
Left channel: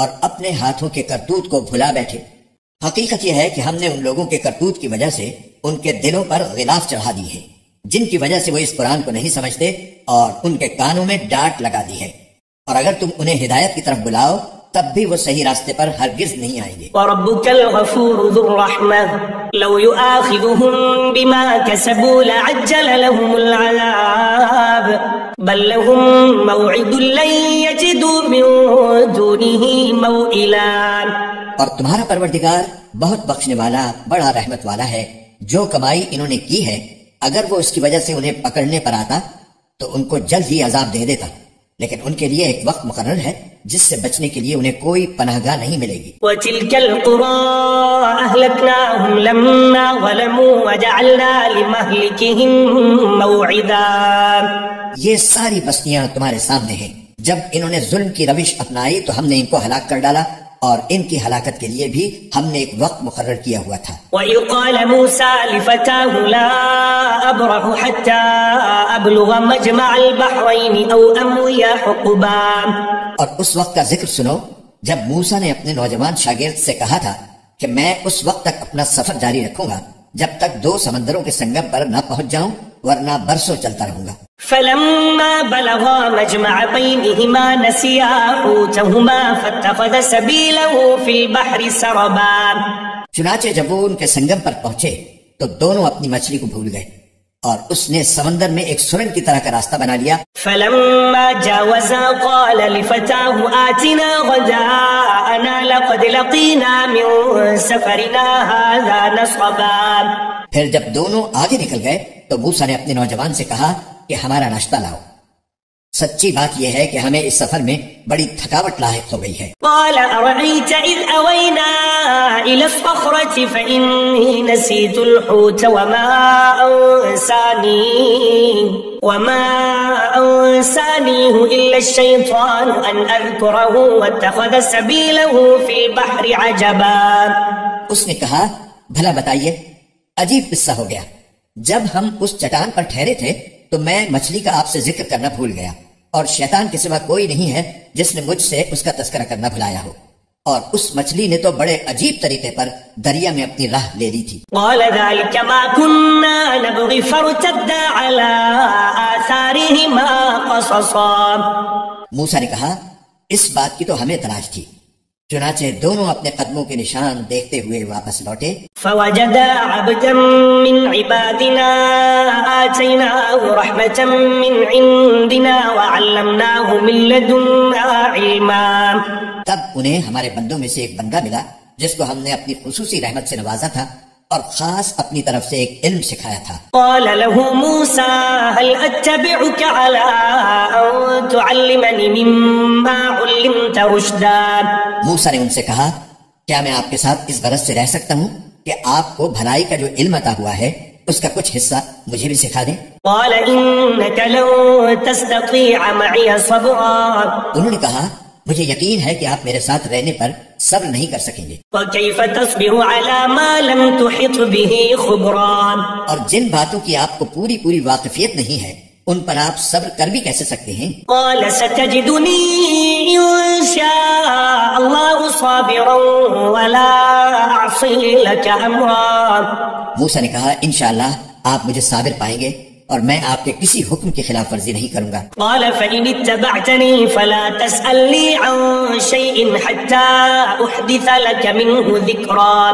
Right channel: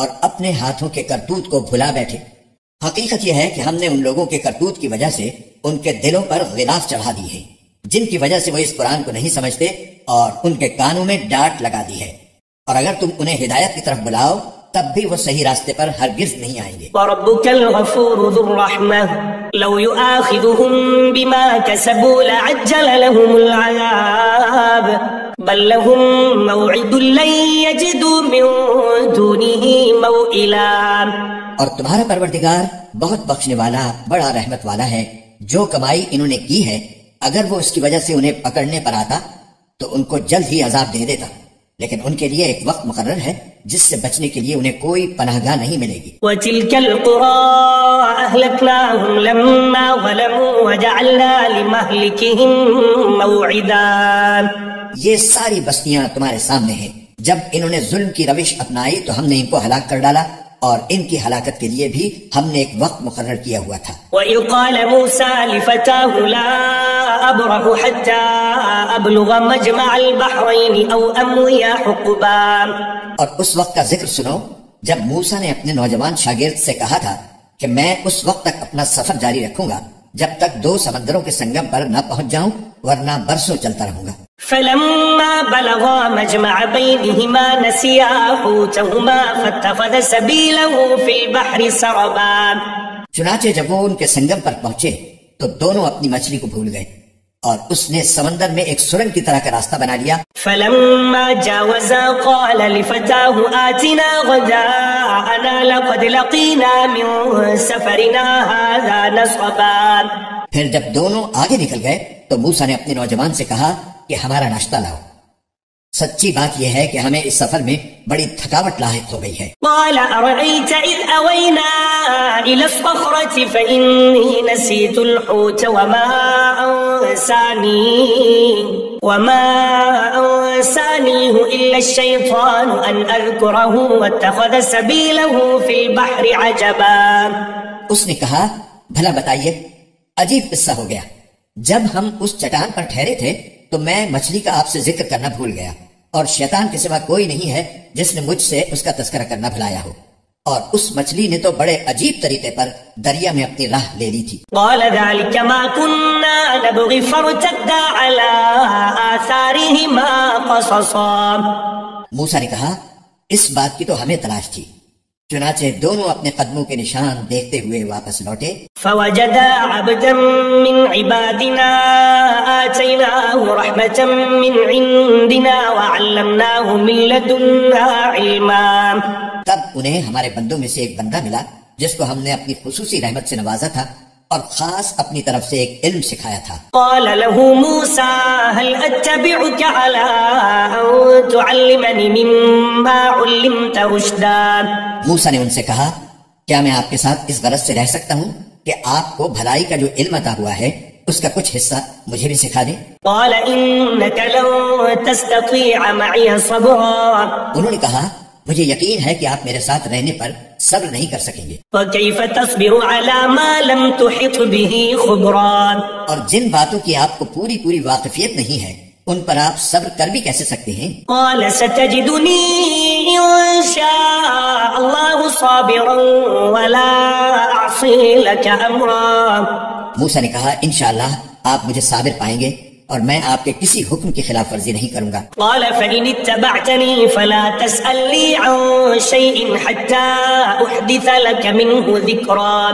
اور اپنے ہاتھوں کے کرتوت کو بھلا بیٹھے. حقیقت یہ ہے کہ ہم نے ان لوگوں کے کرتوت کی وجہ سے ان کے دلوں پر غلاف چڑھا دی ہے، جن کی وجہ سے وہ اس قرآن کو نہیں سمجھتے، اور ان کے کانوں میں ڈانٹ لگا دی ہے. اور اگر تم انہیں ہدایت کی طرف بلاؤ تب بھی وہ صحیح راستے پر ہرگز نہیں آئیں گے. وَرَبُّكَ الْغَفُورُ ذُو الرَّحْمَةِ لَوْ يُؤَاخِذُهُم بِمَا كَسَبُوا لَعَجَّلَ لَهُمُ الْعَذَابَ بَل لَّهُم مَّوْعِدٌ لَّن يَجِدُوا مِن دُونِهِ مَوْئِلًا. اور تمہارا پروردگار بہت بخشنے والا بڑا رحمت والا ہے. جو کمائی انہوں نے کی ہے اگر وہ اس کی وجہ سے انہیں پکڑنے پر آتا تو ان کو جلد ہی عذاب دے دیتا، لیکن ان کے لیے ایک وقت مقرر ہے جس سے بچنے کے لیے انہیں کوئی پناہ گاہ نہیں ملے گی. وَتِلْكَ الْقُرَىٰ أَهْلَكْنَاهُمْ لَمَّا ظَلَمُوا وَجَعَلْنَا لِمَهْلِكِهِمْ مَوْعِدًا. یہ ساری بستیاں تمہارے سامنے ہیں. جب انہوں نے ظلم کی روش اپنائی تو ہم نے ان کو ہلاک کر ڈالا، اور ان کی ہلاکت کے لیے بھی ہم نے ایک وقت مقرر کیا ہوا تھا. وَإِذْ قَالَ مُوسَىٰ لِفَتَاهُ لَا أَبْرَحُ حَتَّىٰ أَبْلُغَ مَجْمَعَ الْبَحْرَيْنِ أَوْ أَمْضِيَ حُقُبًا. اور اس وقت کا ذکر سنو جب موسیٰ نے اپنے نوجوان شاگرد سے کہا تھا کہ میں اس وقت تک اپنا سفر جاری رکھوں گا جب تک 2 سمندروں کے سنگم پر نہ پہنچ جاؤں، ورنہ برسوں چلتا رہوں گا. فَلَمَّا بَلَغَا مَجْمَعَ بَيْنِهِمَا نَسِيَا حُوتَهُمَا فَاتَّخَذَ سَبِيلَهُ فِي الْبَحْرِ سَرَبًا. چنانچہ جب وہ ان کے سنگم پر پہنچے تو دونوں اپنی مچھلی کو بھول گئے اور اس نے سمندر میں ایک سرنگ کی طرح کا راستہ بنا لیا. فَلَمَّا جَاوَزَا قَالَ لِفَتَاهُ آتِنَا غَدَاءَنَا لَقَدْ لَقِينَا مِن سَفَرِنَا هَٰذَا نَصَبًا. پھر جب دونوں آگے نکل گئے تو موسیٰ نے اپنے نوجوان سے کہا کہ ہمارا ناشتہ لاؤ. سچی بات یہ ہے کہ ہمیں اس سفر میں بڑی تھکاوٹ لاحق ہو گئی ہے. قال أرأيت إذ أوينا إلى الصخرة فإني نسيت الحوت وما أنسانيه إلا الشيطان أن أذكره واتخذ سبيله في البحر عجبا. اس نے کہا بھلا بتائیے، عجیب قصہ ہو گیا. جب ہم اس چٹان پر ٹھہرے تھے تو میں مچھلی کا آپ سے ذکر کرنا بھول گیا، اور شیطان کے سوا کوئی نہیں ہے جس نے مجھ سے اس کا تذکرہ کرنا بھلایا ہو. اور اس مچھلی نے تو بڑے عجیب طریقے پر دریا میں اپنی راہ لے لی تھی. قال ذلك ما كنا نبغي فارتدا على آثارهما قصصا. موسیٰ نے کہا اس بات کی تو ہمیں تلاش تھی. چنانچہ دونوں اپنے قدموں کے نشان دیکھتے ہوئے واپس لوٹے. فوجدا عبدا من عبادنا آتيناه رحمة من عندنا وعلمناه من لدنا علما. تب انہیں ہمارے بندوں میں سے ایک بندہ ملا جس کو ہم نے اپنی خصوصی رحمت سے نوازا تھا اور خاص اپنی طرف سے ایک علم سکھایا تھا. قال له موسى هل أتبعك على أن تعلمني مما علمت رشدا. موسیٰ نے ان سے کہا کیا میں آپ کے ساتھ اس غرض سے رہ سکتا ہوں کہ آپ کو بھلائی کا جو علم عطا ہوا ہے اس کا کچھ حصہ مجھے بھی سکھا دیں. قال إنك لن تستطيع معي صبرا. انہوں نے کہا مجھے یقین ہے کہ آپ میرے ساتھ رہنے پر صبر نہیں کر سکیں گے. وكيف تصبر على ما لم تحط به خبرا. اور جن باتوں کی آپ کو پوری واقفیت نہیں ہے ان پر آپ صبر کر بھی کیسے سکتے ہیں. قال ستجدني إن شاء الله صابرا ولا أعصي لك أمرا. موسیٰ نے کہا انشاءاللہ آپ مجھے صابر پائیں گے اور میں آپ کے کسی حکم کی خلاف ورزی نہیں کروں گا۔ قال فإن اتبعتني فلا تسألني عن شيء حتى أحدث لك منه ذكرا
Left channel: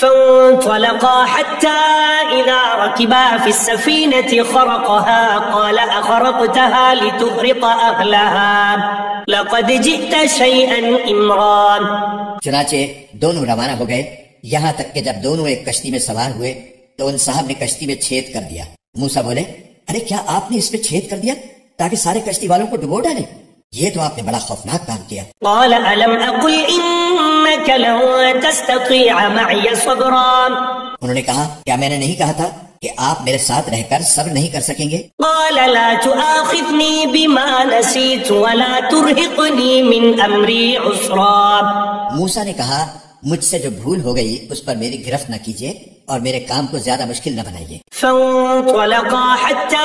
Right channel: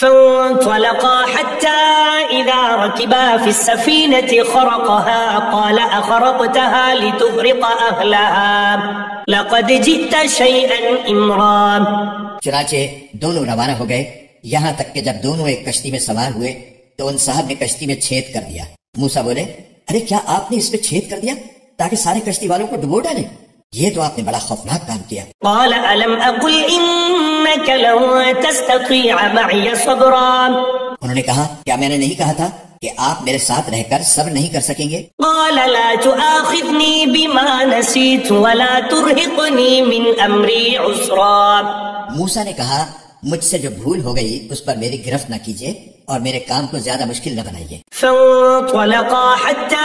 فانطلقا حتى إذا ركبا في السفينة خرقها قال أخرقتها لتغرق أهلها لقد جئت شيئا إمرا۔ چنانچہ دونوں روانہ ہو گئے، یہاں تک کہ جب دونوں ایک کشتی میں سوار ہوئے تو ان صاحب نے کشتی میں چھید کر دیا۔ موسیٰ بولے، ارے کیا آپ نے اس میں چھید کر دیا تاکہ سارے کشتی والوں کو ڈبو ڈالیں؟ یہ تو آپ نے بڑا خوفناک کام کیا۔ قال ألم أقل إنك لن تستطيع معي صبرا۔ انہوں نے کہا، کیا میں نے نہیں کہا تھا کہ آپ میرے ساتھ رہ کر صبر نہیں کر سکیں گے؟ قال لا تؤاخذني بما نسيت ولا ترهقني من أمري عسرا۔ موسیٰ نے کہا، مجھ سے جو بھول ہو گئی اس پر میری گرفت نہ کیجیے اور میرے کام کو زیادہ مشکل نہ بنائیے۔ فانطلقا حتى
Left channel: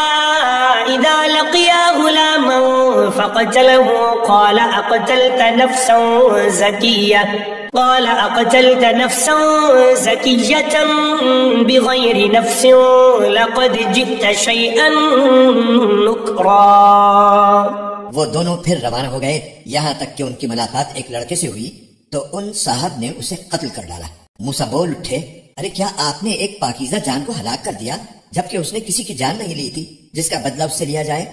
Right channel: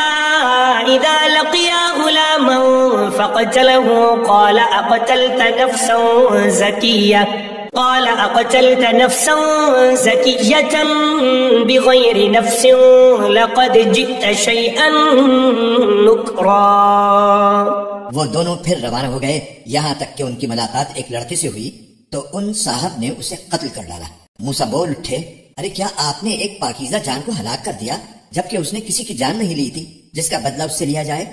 إذا لقيا غلاما فقتله قال أقتلت نفسا زكية بغير نفس لقد جئت شيئا نكرا۔ وہ دونوں پھر روانہ ہو گئے، یہاں تک کہ ان کی ملاقات ایک لڑکے سے ہوئی تو ان صاحب نے اسے قتل کر ڈالا۔ موسیٰ بول اٹھے، ارے کیا آپ نے ایک پاکیزہ جان کو ہلاک کر دیا جبکہ اس نے کسی کی جان نہیں لی تھی جس کا بدلہ اس سے لیا جائے؟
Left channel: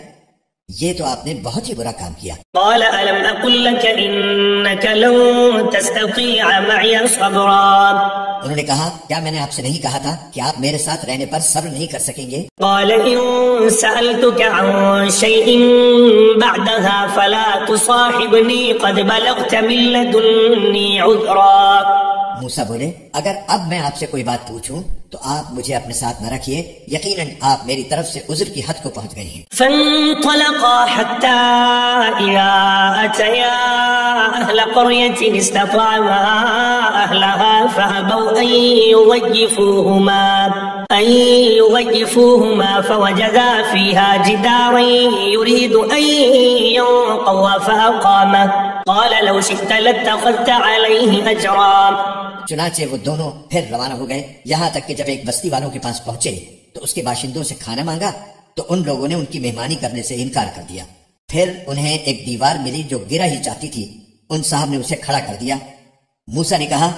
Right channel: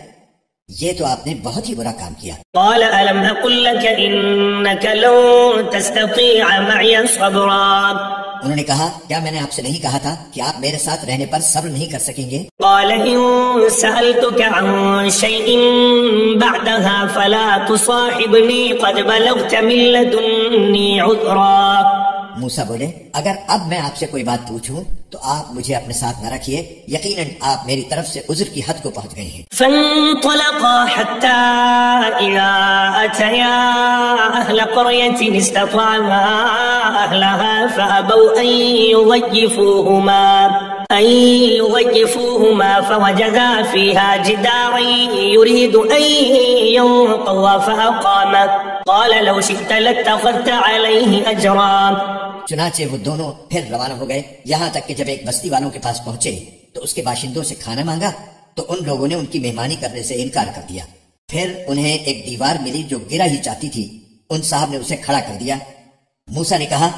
یہ تو آپ نے بہت ہی برا کام کیا۔ قال ألم أقل لك إنك لن تستطيع معي صبرا۔ انہوں نے کہا، کیا میں نے آپ سے نہیں کہا تھا کہ آپ میرے ساتھ رہنے پر صبر نہیں کر سکیں گے؟ قال إن سألتك عن شيء بعدها فلا تصاحبني قد بلغت من لدني عذرا۔ موسیٰ بولے، اگر اب میں آپ سے کوئی بات پوچھوں تو آپ مجھے اپنے ساتھ نہ رکھیے، یقیناً آپ میری طرف سے عذر کی حد کو پہنچ گئی ہیں۔ فانطلقا حتى إذا أتيا أهل قرية استطعما أهلها فأبوا أن يضيفوهما فوجدا فيها جدارا يريد أن ينقض فأقامه قال لو شئت لاتخذت عليه أجرا۔ چنانچہ وہ دونوں پھر روانہ ہو گئے، یہاں تک کہ جب ایک بستی والوں کے پاس پہنچے تو اس کے باشندوں سے کھانا مانگا تو ان لوگوں نے ان کی مہمانی کرنے سے انکار کر دیا۔ پھر انہیں ایک دیوار ملی جو گرا ہی چاہتی تھی، ان صاحب نے اسے کھڑا کر دیا۔ موسیٰ نے کہا،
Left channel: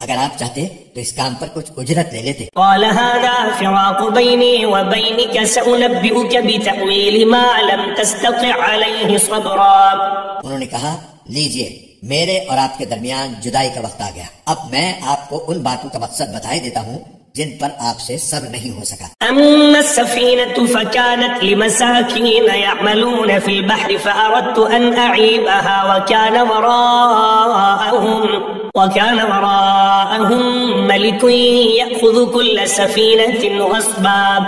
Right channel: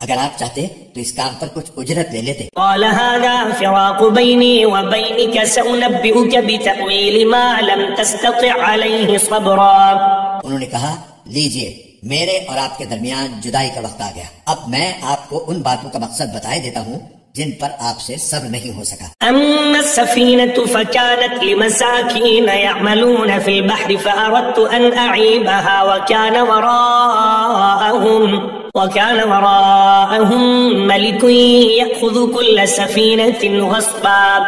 اگر آپ چاہتے تو اس کام پر کچھ اجرت لے لیتے۔ قال هذا فراق بيني وبينك سأنبئك بتأويل ما لم تستطع عليه صبرا۔ انہوں نے کہا، لیجئے، میرے اور آپ کے درمیان جدائی کا وقت آ گیا، اب میں آپ کو ان باتوں کا مقصد بتائے دیتا ہوں جن پر آپ سے صبر نہیں ہو سکا۔ أما السفينة فكانت لمساكين يعملون في البحر فأردت أن أعيبها وكان وراءهم ملك يأخذ كل سفينة غصبا۔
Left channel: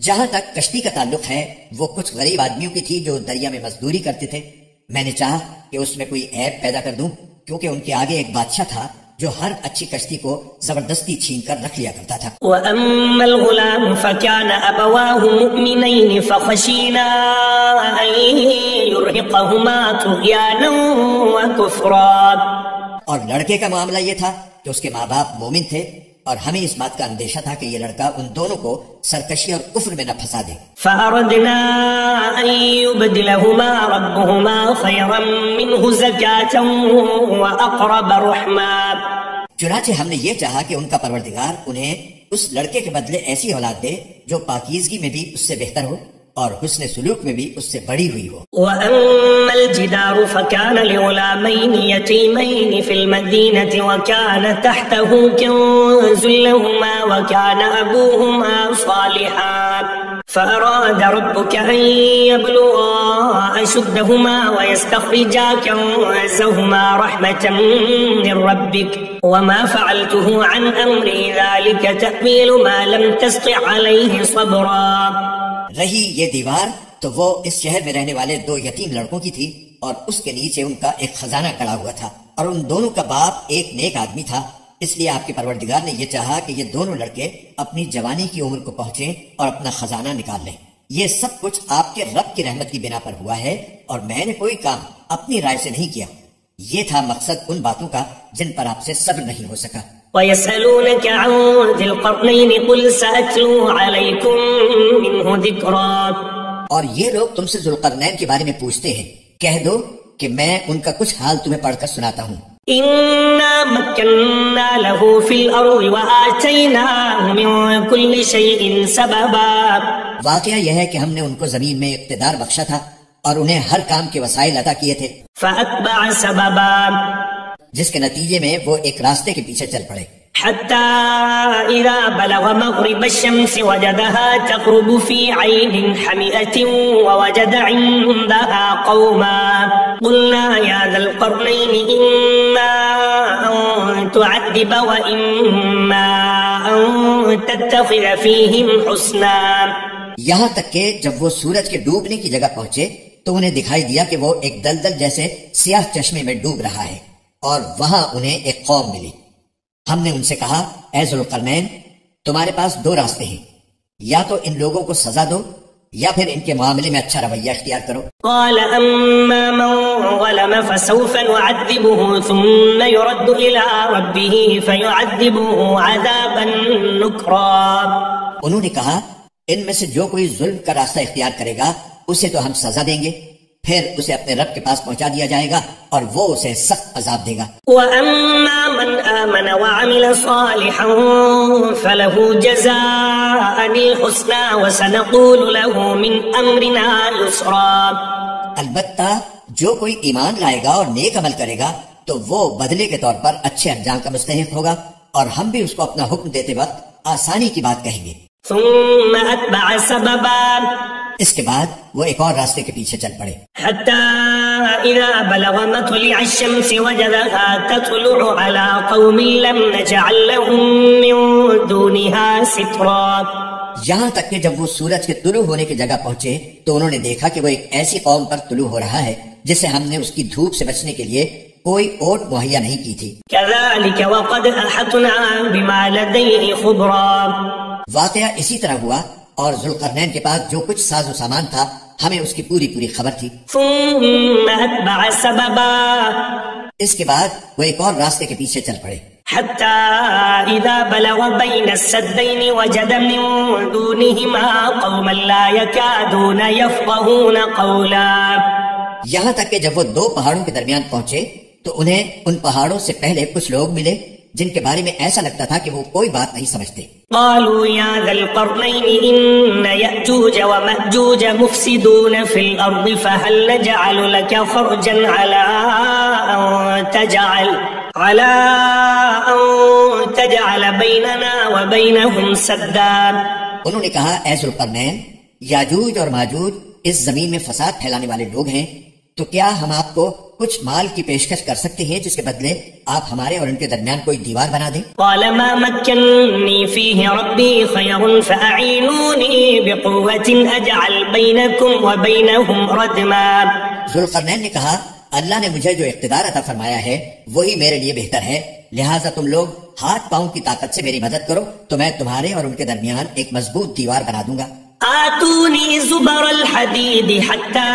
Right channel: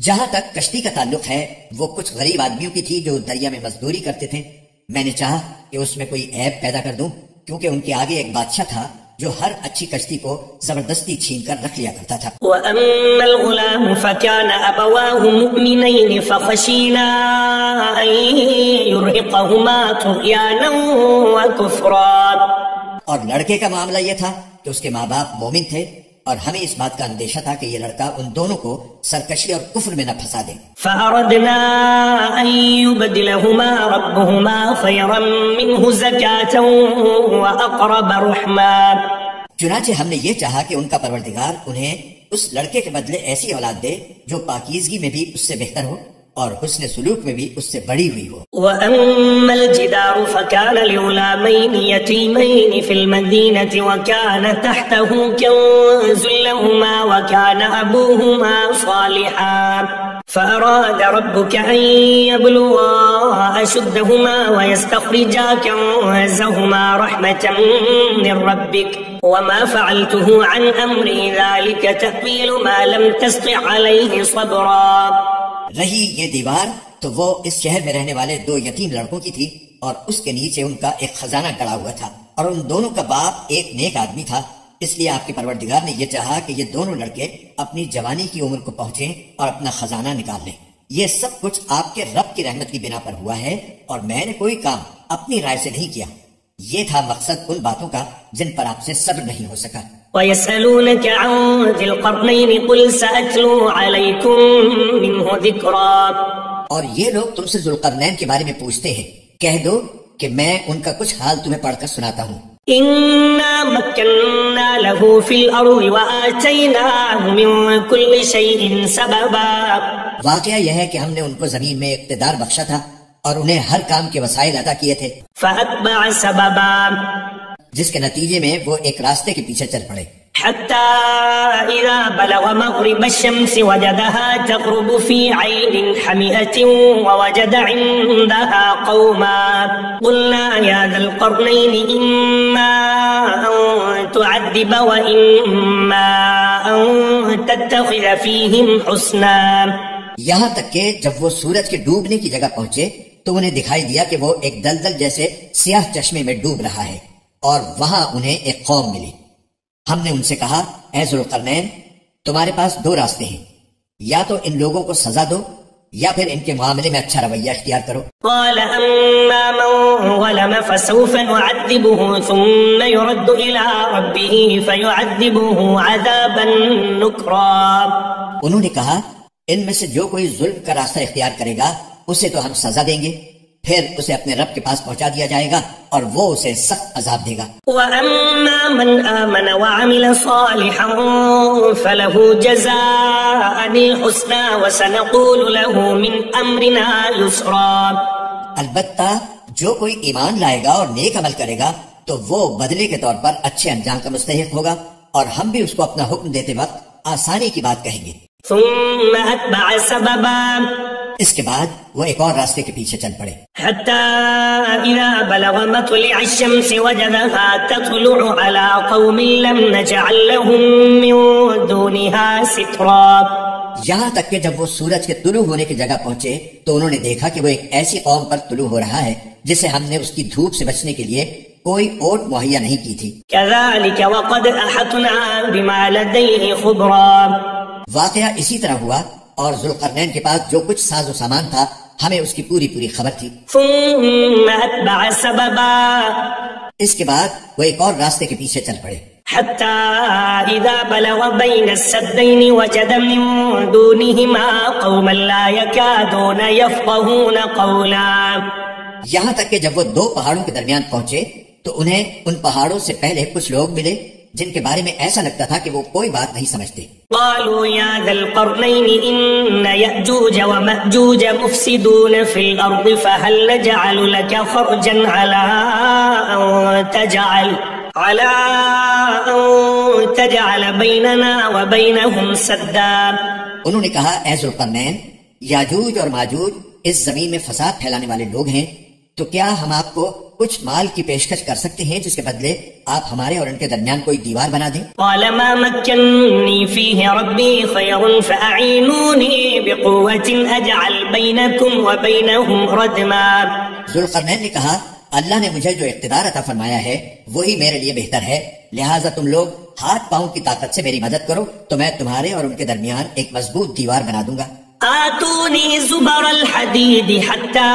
جہاں تک کشتی کا تعلق ہے، وہ کچھ غریب آدمیوں کی تھی جو دریا میں مزدوری کرتے تھے۔ میں نے چاہا کہ اس میں کوئی عیب پیدا کر دوں، کیونکہ ان کے آگے ایک بادشاہ تھا جو ہر اچھی کشتی کو زبردستی چھین کر رکھ لیا کرتا تھا۔ وَأَمَّا الْغُلَامُ فَكَانَ أَبَوَاهُ مُؤْمِنَيْنِ فَخَشِينَا أَن يُرْهِقَهُمَا طُغْيَانًا وَكُفْرًا۔ اور لڑکے کا معاملہ یہ تھا کہ اس کے ماں باپ مومن تھے اور ہمیں اس بات کا اندیشہ تھا کہ یہ لڑکا ان دونوں کو سرکشی اور کفر میں نہ پھنسا دے۔ فَأَرَدْنَا أَن يُبْدِلَهُمَا رَبُّهُمَا خَيْرًا مِّنْهُ زَكَاةً وَأَقْرَبَ رُحْمًا۔ چنانچہ ہم نے یہ چاہا کہ ان کا پروردگار انہیں اس لڑکے کے بدلے ایسی اولاد دے جو پاکیزگی میں بھی اس سے بہتر ہو اور حسن سلوک میں بھی اس سے بڑی ہوئی ہو۔ وَأَمَّا الْجِدَارُ فَكَانَ لِغُلَامَيْنِ يَتِيمَيْنِ فِي الْمَدِينَةِ وَكَانَ تَحْتَهُ كَنزٌ لَّهُمَا وَكَانَ أَبُوهُمَا صَالِحًا فأراد ربك أن يبلغا أشدهما ويستخرجا كنزهما رحمة من ربك وما فعلته عن أمري ذلك تأويل ما لم تستطع عليه صبرا۔ رہی یہ دیوار تو وہ اس شہر میں رہنے والے دو یتیم لڑکوں کی تھی اور اس کے نیچے ان کا ایک خزانہ کڑا ہوا تھا، اور ان دونوں کا باپ ایک نیک آدمی تھا، اس لیے آپ کے پروردگار نے یہ چاہا کہ یہ دونوں لڑکے اپنی جوانی کی عمر کو پہنچیں اور اپنا خزانہ نکال لیں۔ یہ سب کچھ آپ کے رب کی رحمت کی بنا پر ہوا ہے اور میں نے کوئی کام اپنی رائے سے نہیں کیا۔ یہ تھا مقصد ان باتوں کا جن پر آپ سے صبر نہیں ہو سکا۔ ويسألونك عن ذي القرنين قل سأتلو عليكم منه ذكرا. اور یہ لوگ تم سے ذوالقرنین کے بارے میں پوچھتے ہیں، کہہ دو کہ میں ان کا کچھ حال تمہیں پڑھ کر سناتا ہوں. إنا مكنا له في الأرض وآتيناه من كل شيء سببا. واقعہ یہ ہے کہ ہم نے ان کو زمین میں اقتدار بخشا تھا اور انہیں ہر کام کے وسائل عطا کیے تھے، فأتبع سببا، جس کے نتیجے میں وہ ایک راستے کے پیچھے چل پڑے. حتى إذا بلغ مغرب الشمس وجدها تغرب في عين حمئة ووجد عندها قوما قلنا يا ذا القرنين إما أن تعذب وإما أن تتخذ فيهم حسنا. یہاں تک کہ جب وہ سورج کے ڈوبنے کی جگہ پہنچے تو انہیں دکھائی دیا کہ وہ ایک دلدل جیسے سیاہ چشمے میں ڈوب رہا ہے، اور وہاں انہیں ایک قوم ملی. ہم نے ان سے کہا، اے ذوالقرنین، تمہارے پاس دو راستے ہیں، یا تو ان لوگوں کو سزا دو یا پھر ان کے معاملے میں اچھا رویہ اختیار کرو. قال أما من ظلم فسوف نعذبه ثم يرد إلى ربه فيعذبه عذابا نكرا. انہوں نے کہا، ان میں سے جو کوئی ظلم کا راستہ اختیار کرے گا اسے تو ہم سزا دیں گے، پھر اسے اپنے رب کے پاس پہنچا دیا جائے گا اور وہ اسے سخت عذاب دے گا. وَأَمَّا مَنْ آمَنَ وَعَمِلَ صَالِحًا فَلَهُ جَزَاءً الْحُسْنَى وَسَنَقُولُ لَهُ مِنْ أَمْرِنَا يُسْرًا. البتہ جو کوئی ایمان لائے گا اور نیک عمل کرے گا تو وہ بدلے کے طور پر اچھے انجام کا مستحق ہوگا، اور ہم بھی اس کو اپنا حکم دیتے وقت آسانی کی بات کہیں گے. ثم أتبع سببا، اس کے بعد وہ ایک اور راستے کے پیچھے چل پڑے. حتى إذا بلغ مطلع الشمس وجدها تطلع على قوم لم نجعل لهم من دونها سترا. یہاں تک کہ جب وہ سورج کے طلوع ہونے کی جگہ پہنچے تو انہوں نے دیکھا کہ وہ ایک ایسی قوم پر طلوع ہو رہا ہے جسے ہم نے اس کی دھوپ سے بچنے کے لیے کوئی اوٹ مہیا نہیں کی تھی. كذلك وقد أحطنا بما لديه خبرا. واقعہ اسی طرح ہوا، اور ذوالقرنین کے پاس جو کچھ ساز و سامان تھا ہمیں اس کی پوری خبر تھی. ثم أتبع سببا، اس کے بعد وہ ایک اور راستے کے پیچھے چل پڑے. حتى إذا بلغ بين السدين وجد من دونهما قوما لا يكادون يفقهون قولا. یہاں تک کہ جب وہ دو پہاڑوں کے درمیان پہنچے تو انہیں ان پہاڑوں سے پہلے کچھ لوگ ملے جن کے بارے میں ایسا لگتا تھا کہ وہ کوئی بات نہیں سمجھتے. قالوا يا ذا القرنين إن يأجوج ومأجوج مفسدون في الأرض فهل نجعل لك خرجا على أن تجعل بيننا وبينهم سدا. انہوں نے کہا، اے ذوالقرنین، یاجوج اور ماجوج اس زمین میں فساد پھیلانے والے لوگ ہیں، تو کیا ہم آپ کو کچھ مال کی پیشکش کر سکتے ہیں جس کے بدلے آپ ہمارے اور ان کے درمیان کوئی دیوار بنا دیں؟ قال ما مكنني فيه ربي خير فأعينوني بقوة أجعل بينكم وبينهم ردما. ذوالقرنین نے کہا، اللہ نے مجھے جو اقتدار عطا فرمایا ہے وہی میرے لیے بہتر ہے، لہٰذا تم لوگ ہاتھ پاؤں کی طاقت سے میری مدد کرو تو میں تمہارے اور ان کے درمیان ایک مضبوط دیوار بنا دوں گا. آتوني زبر الحديد حتى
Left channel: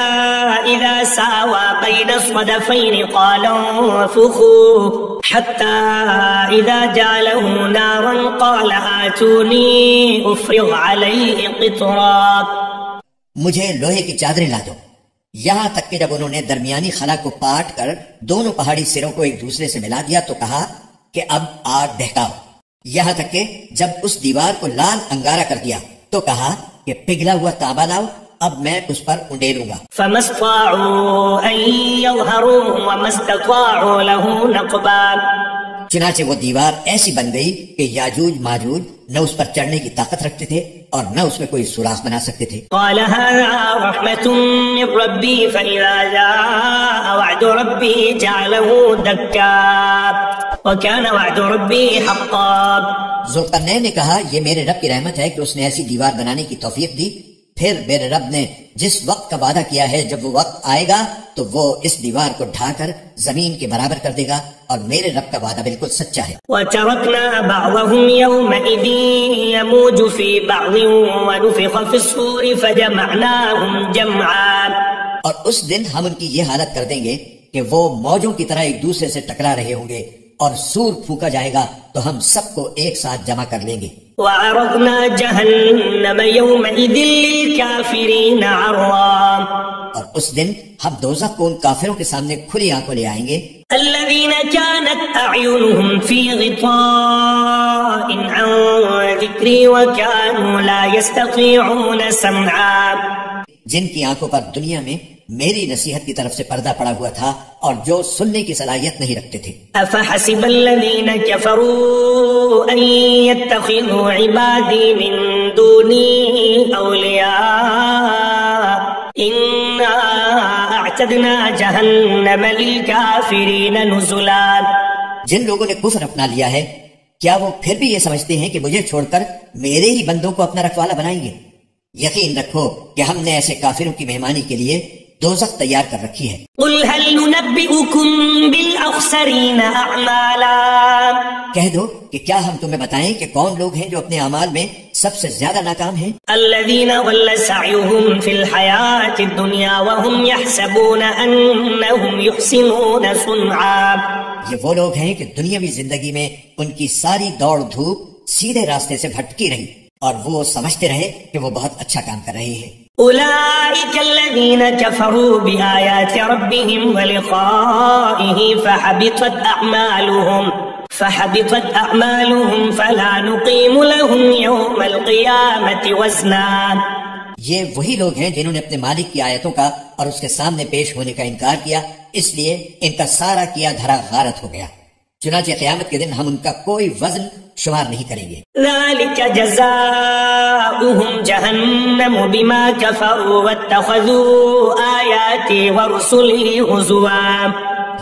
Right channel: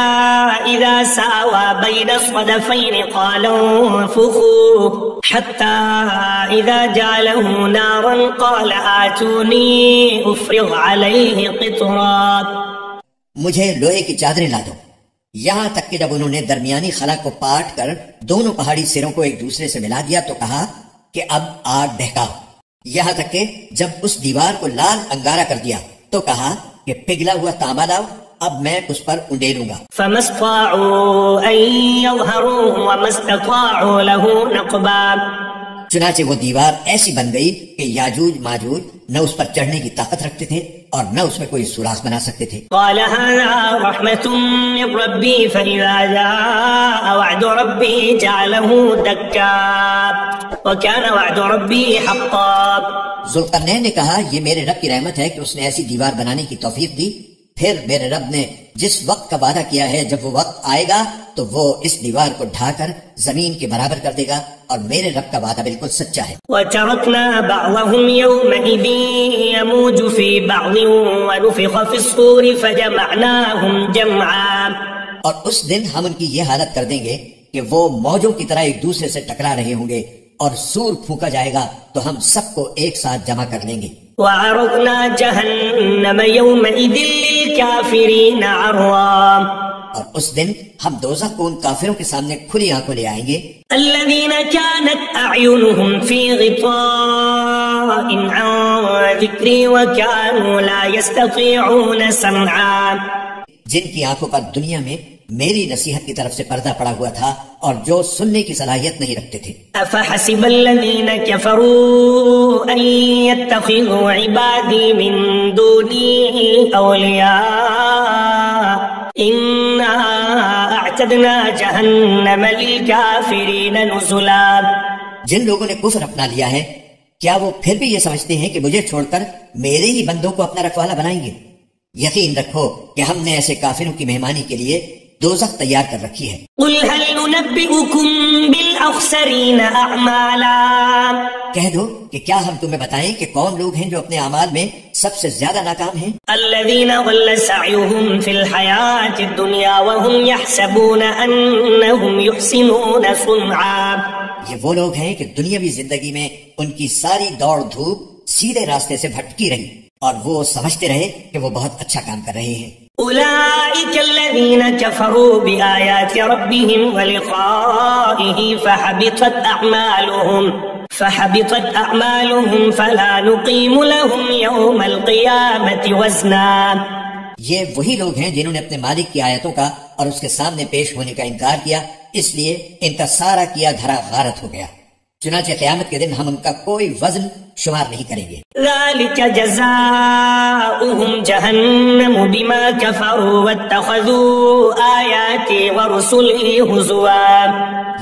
إذا ساوى بين الصدفين قال انفخوا حتى إذا جعله نارا قال آتوني أفرغ عليه قطرا. مجھے لوہے کی چادریں لا دو. یہاں تک کہ جب انہوں نے درمیانی خلا کو پاٹ کر دونوں پہاڑی سروں کو ایک دوسرے سے ملا دیا تو کہا کہ اب آگ بہکاؤ. یہاں تک کہ جب اس دیوار کو لال انگارہ کر دیا تو کہا کہ پگھلا ہوا تانبا لاؤ، اب میں اس پر انڈیلوں گا. فما استطاعوا أن يظهروه وما استطاعوا له نقبا. چنانچہ وہ دیوار ایسی بن گئی کہ یاجوج ماجوج نہ اس پر چڑھنے کی طاقت رکھتے تھے اور نہ اس میں کوئی سوراخ بنا سکتے تھے. قال هذا رحمة من ربي فإذا جاء وعد ربي جعله دكا وكان وعد ربي حقا. ذوالقرنین نے کہا، یہ میرے رب کی رحمت ہے کہ اس نے ایسی دیوار بنانے کی توفیق دی، پھر میرے رب نے جس وقت کا وعدہ کیا ہے جب وہ وقت آئے گا تو وہ اس دیوار کو ڈھا کر زمین کے برابر کر دے گا، اور میرے رب کا وعدہ بالکل سچا ہے. وَتَرَكْنَا بَعْضَهُمْ يَوْمَئِذٍ يَمُوجُ فِي بَعْضٍ وَنُفِخَ فِي الصُّورِ فَجَمَعْنَاهُمْ جَمْعًا. اور اس دن ہم ان کی یہ حالت کر دیں گے کہ وہ موجوں کی طرح ایک دوسرے سے ٹکرا رہے ہوں گے، اور سور پھونکا جائے گا تو ہم سب کو ایک ساتھ جمع کر لیں گے. وعرضنا جہنم یومئذ للکافرین عرضا، اور اس دن ہم دوزخ کو ان کافروں کے سامنے کھلی آنکھوں لے آئیں گے. الذین كانت اعینهم فی غطاء عن ذکری وكانوا لا يستطيعون سمعا، جن کی آنکھوں پر دنیا میں میری نصیحت کی طرف سے پردہ پڑا ہوا تھا اور جو سننے کی صلاحیت نہیں رکھتے تھے. افحسب الذین كفروا ان يتخذوا عبادی من دونی اولیاء انا اعتدنا جہنم للکافرین نزلا. جن لوگوں نے کفر اپنا لیا ہے کیا وہ پھر بھی یہ سمجھتے ہیں کہ مجھے چھوڑ کر میرے ہی بندوں کو اپنا رکھوالا بنائیں گے؟ یقین رکھو کہ ہم نے ایسے کافروں کی مہمانی کے لیے دوزخ تیار کر رکھی ہے. قل هل ننبئكم بالاخسرین اعمالا، کہہ دو کہ کیا ہم تمہیں بتائیں کہ کون لوگ ہیں جو اپنے اعمال میں سب سے زیادہ ناکام ہیں؟ الذین ضل سعیهم فی الحیاة الدنیا وهم يحسبون انهم يحسنون صنعا، یہ وہ لوگ ہیں کہ دنیاوی زندگی میں ان کی ساری دوڑ دھوپ سیدھے راستے سے بھٹکی رہی اور وہ سمجھتے رہے کہ وہ بہت اچھا کام کر رہے ہیں. اولئک الذین کفروا بآیات ربهم ولقائه فحبطت اعمالهم فلا نقیم لهم یوم القیامة وزنا. یہ وہی لوگ ہیں جنہوں نے اپنے مالک کی آیتوں کا اور اس کے سامنے پیش ہونے کا انکار کیا، اس لیے ان کا سارا کیا دھرا غارت ہو گیا. چنانچہ قیامت کے دن ہم ان کا کوئی وزن شمار نہیں کریں گے. ذلك جزاؤهم جہنم بما كفروا واتخذوا آیاتی ورسلی ہزوا،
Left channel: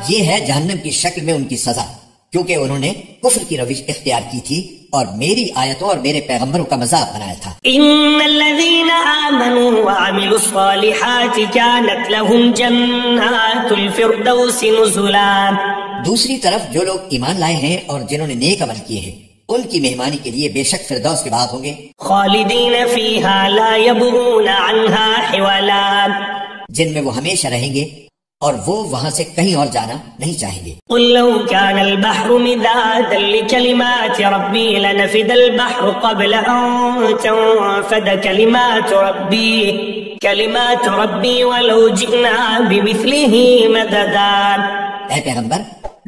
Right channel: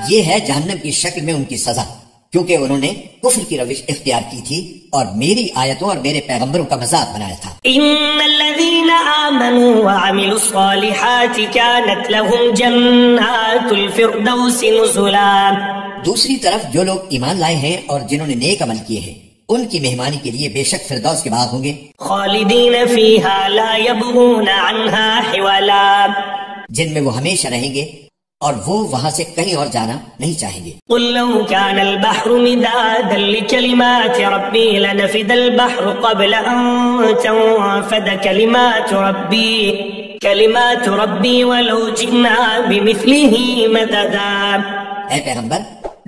یہ ہے جہنم کی شکل میں ان کی سزا، کیونکہ انہوں نے کفر کی روش اختیار کی تھی اور میری آیتوں اور میرے پیغمبروں کا مذاق بنایا تھا. ان الذین آمنوا وعملوا الصالحات كانت لهم جنات الفردوس نزلا. دوسری طرف جو لوگ ایمان لائے ہیں اور جنہوں نے نیک عمل کیے ہیں ان کی مہمانی کے لیے بے شک فردوس کے باغ ہوں گے. خالدین فیہا لا یبغون عنہا حوالا، جن میں وہ ہمیشہ رہیں گے اور وہ وہاں سے کہیں اور جانا نہیں چاہیں گے. قل لو كان البحر مدادا لكلمات ربی لنفد البحر قبل ان تنفد كلمات ربی ولو جئنا بمثله مددا. اے پیغمبر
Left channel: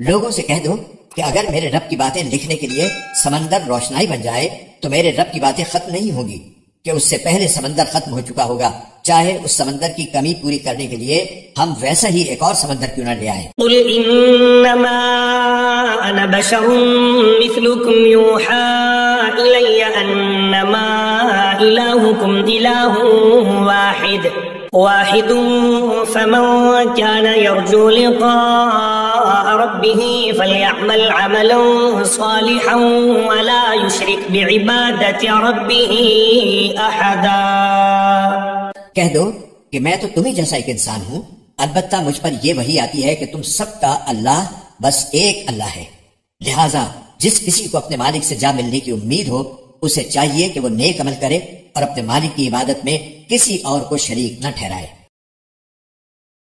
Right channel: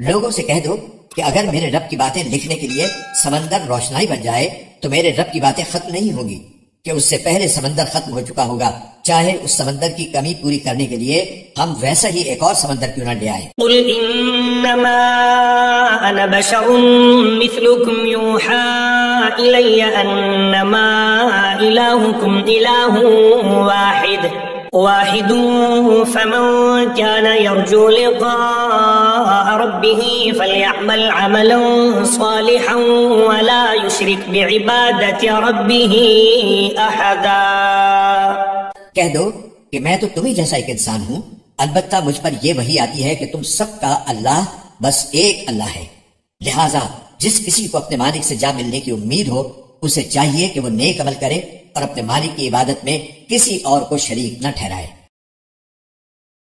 لوگوں سے کہہ دو کہ اگر میرے رب کی باتیں لکھنے کے لیے سمندر روشنائی بن جائے تو میرے رب کی باتیں ختم نہیں ہوگی کہ اس سے پہلے سمندر ختم ہو چکا ہوگا، چاہے اس سمندر کی کمی پوری کرنے کے لیے ہم ویسا ہی ایک اور سمندر کیوں نہ لے آئیں. قل انما انا بشر مثلكم يوحى الي انما الهكم اله واحد فمن كان يرجو لقاء ربه فليعمل عملا صالحا ولا يشرك بعبادة ربه احدا. کہہ دو کہ میں تو تمہیں جیسا ایک انسان ہوں، البتہ مجھ پر یہ وحی آتی ہے کہ تم سب کا اللہ بس ایک اللہ ہے، لہذا جس کسی کو اپنے مالک سے جا ملنے کی امید ہو اسے چاہیے کہ وہ نیک عمل کرے اور اپنے مالک کی عبادت میں کسی اور کو شریک نہ ٹھہرائے.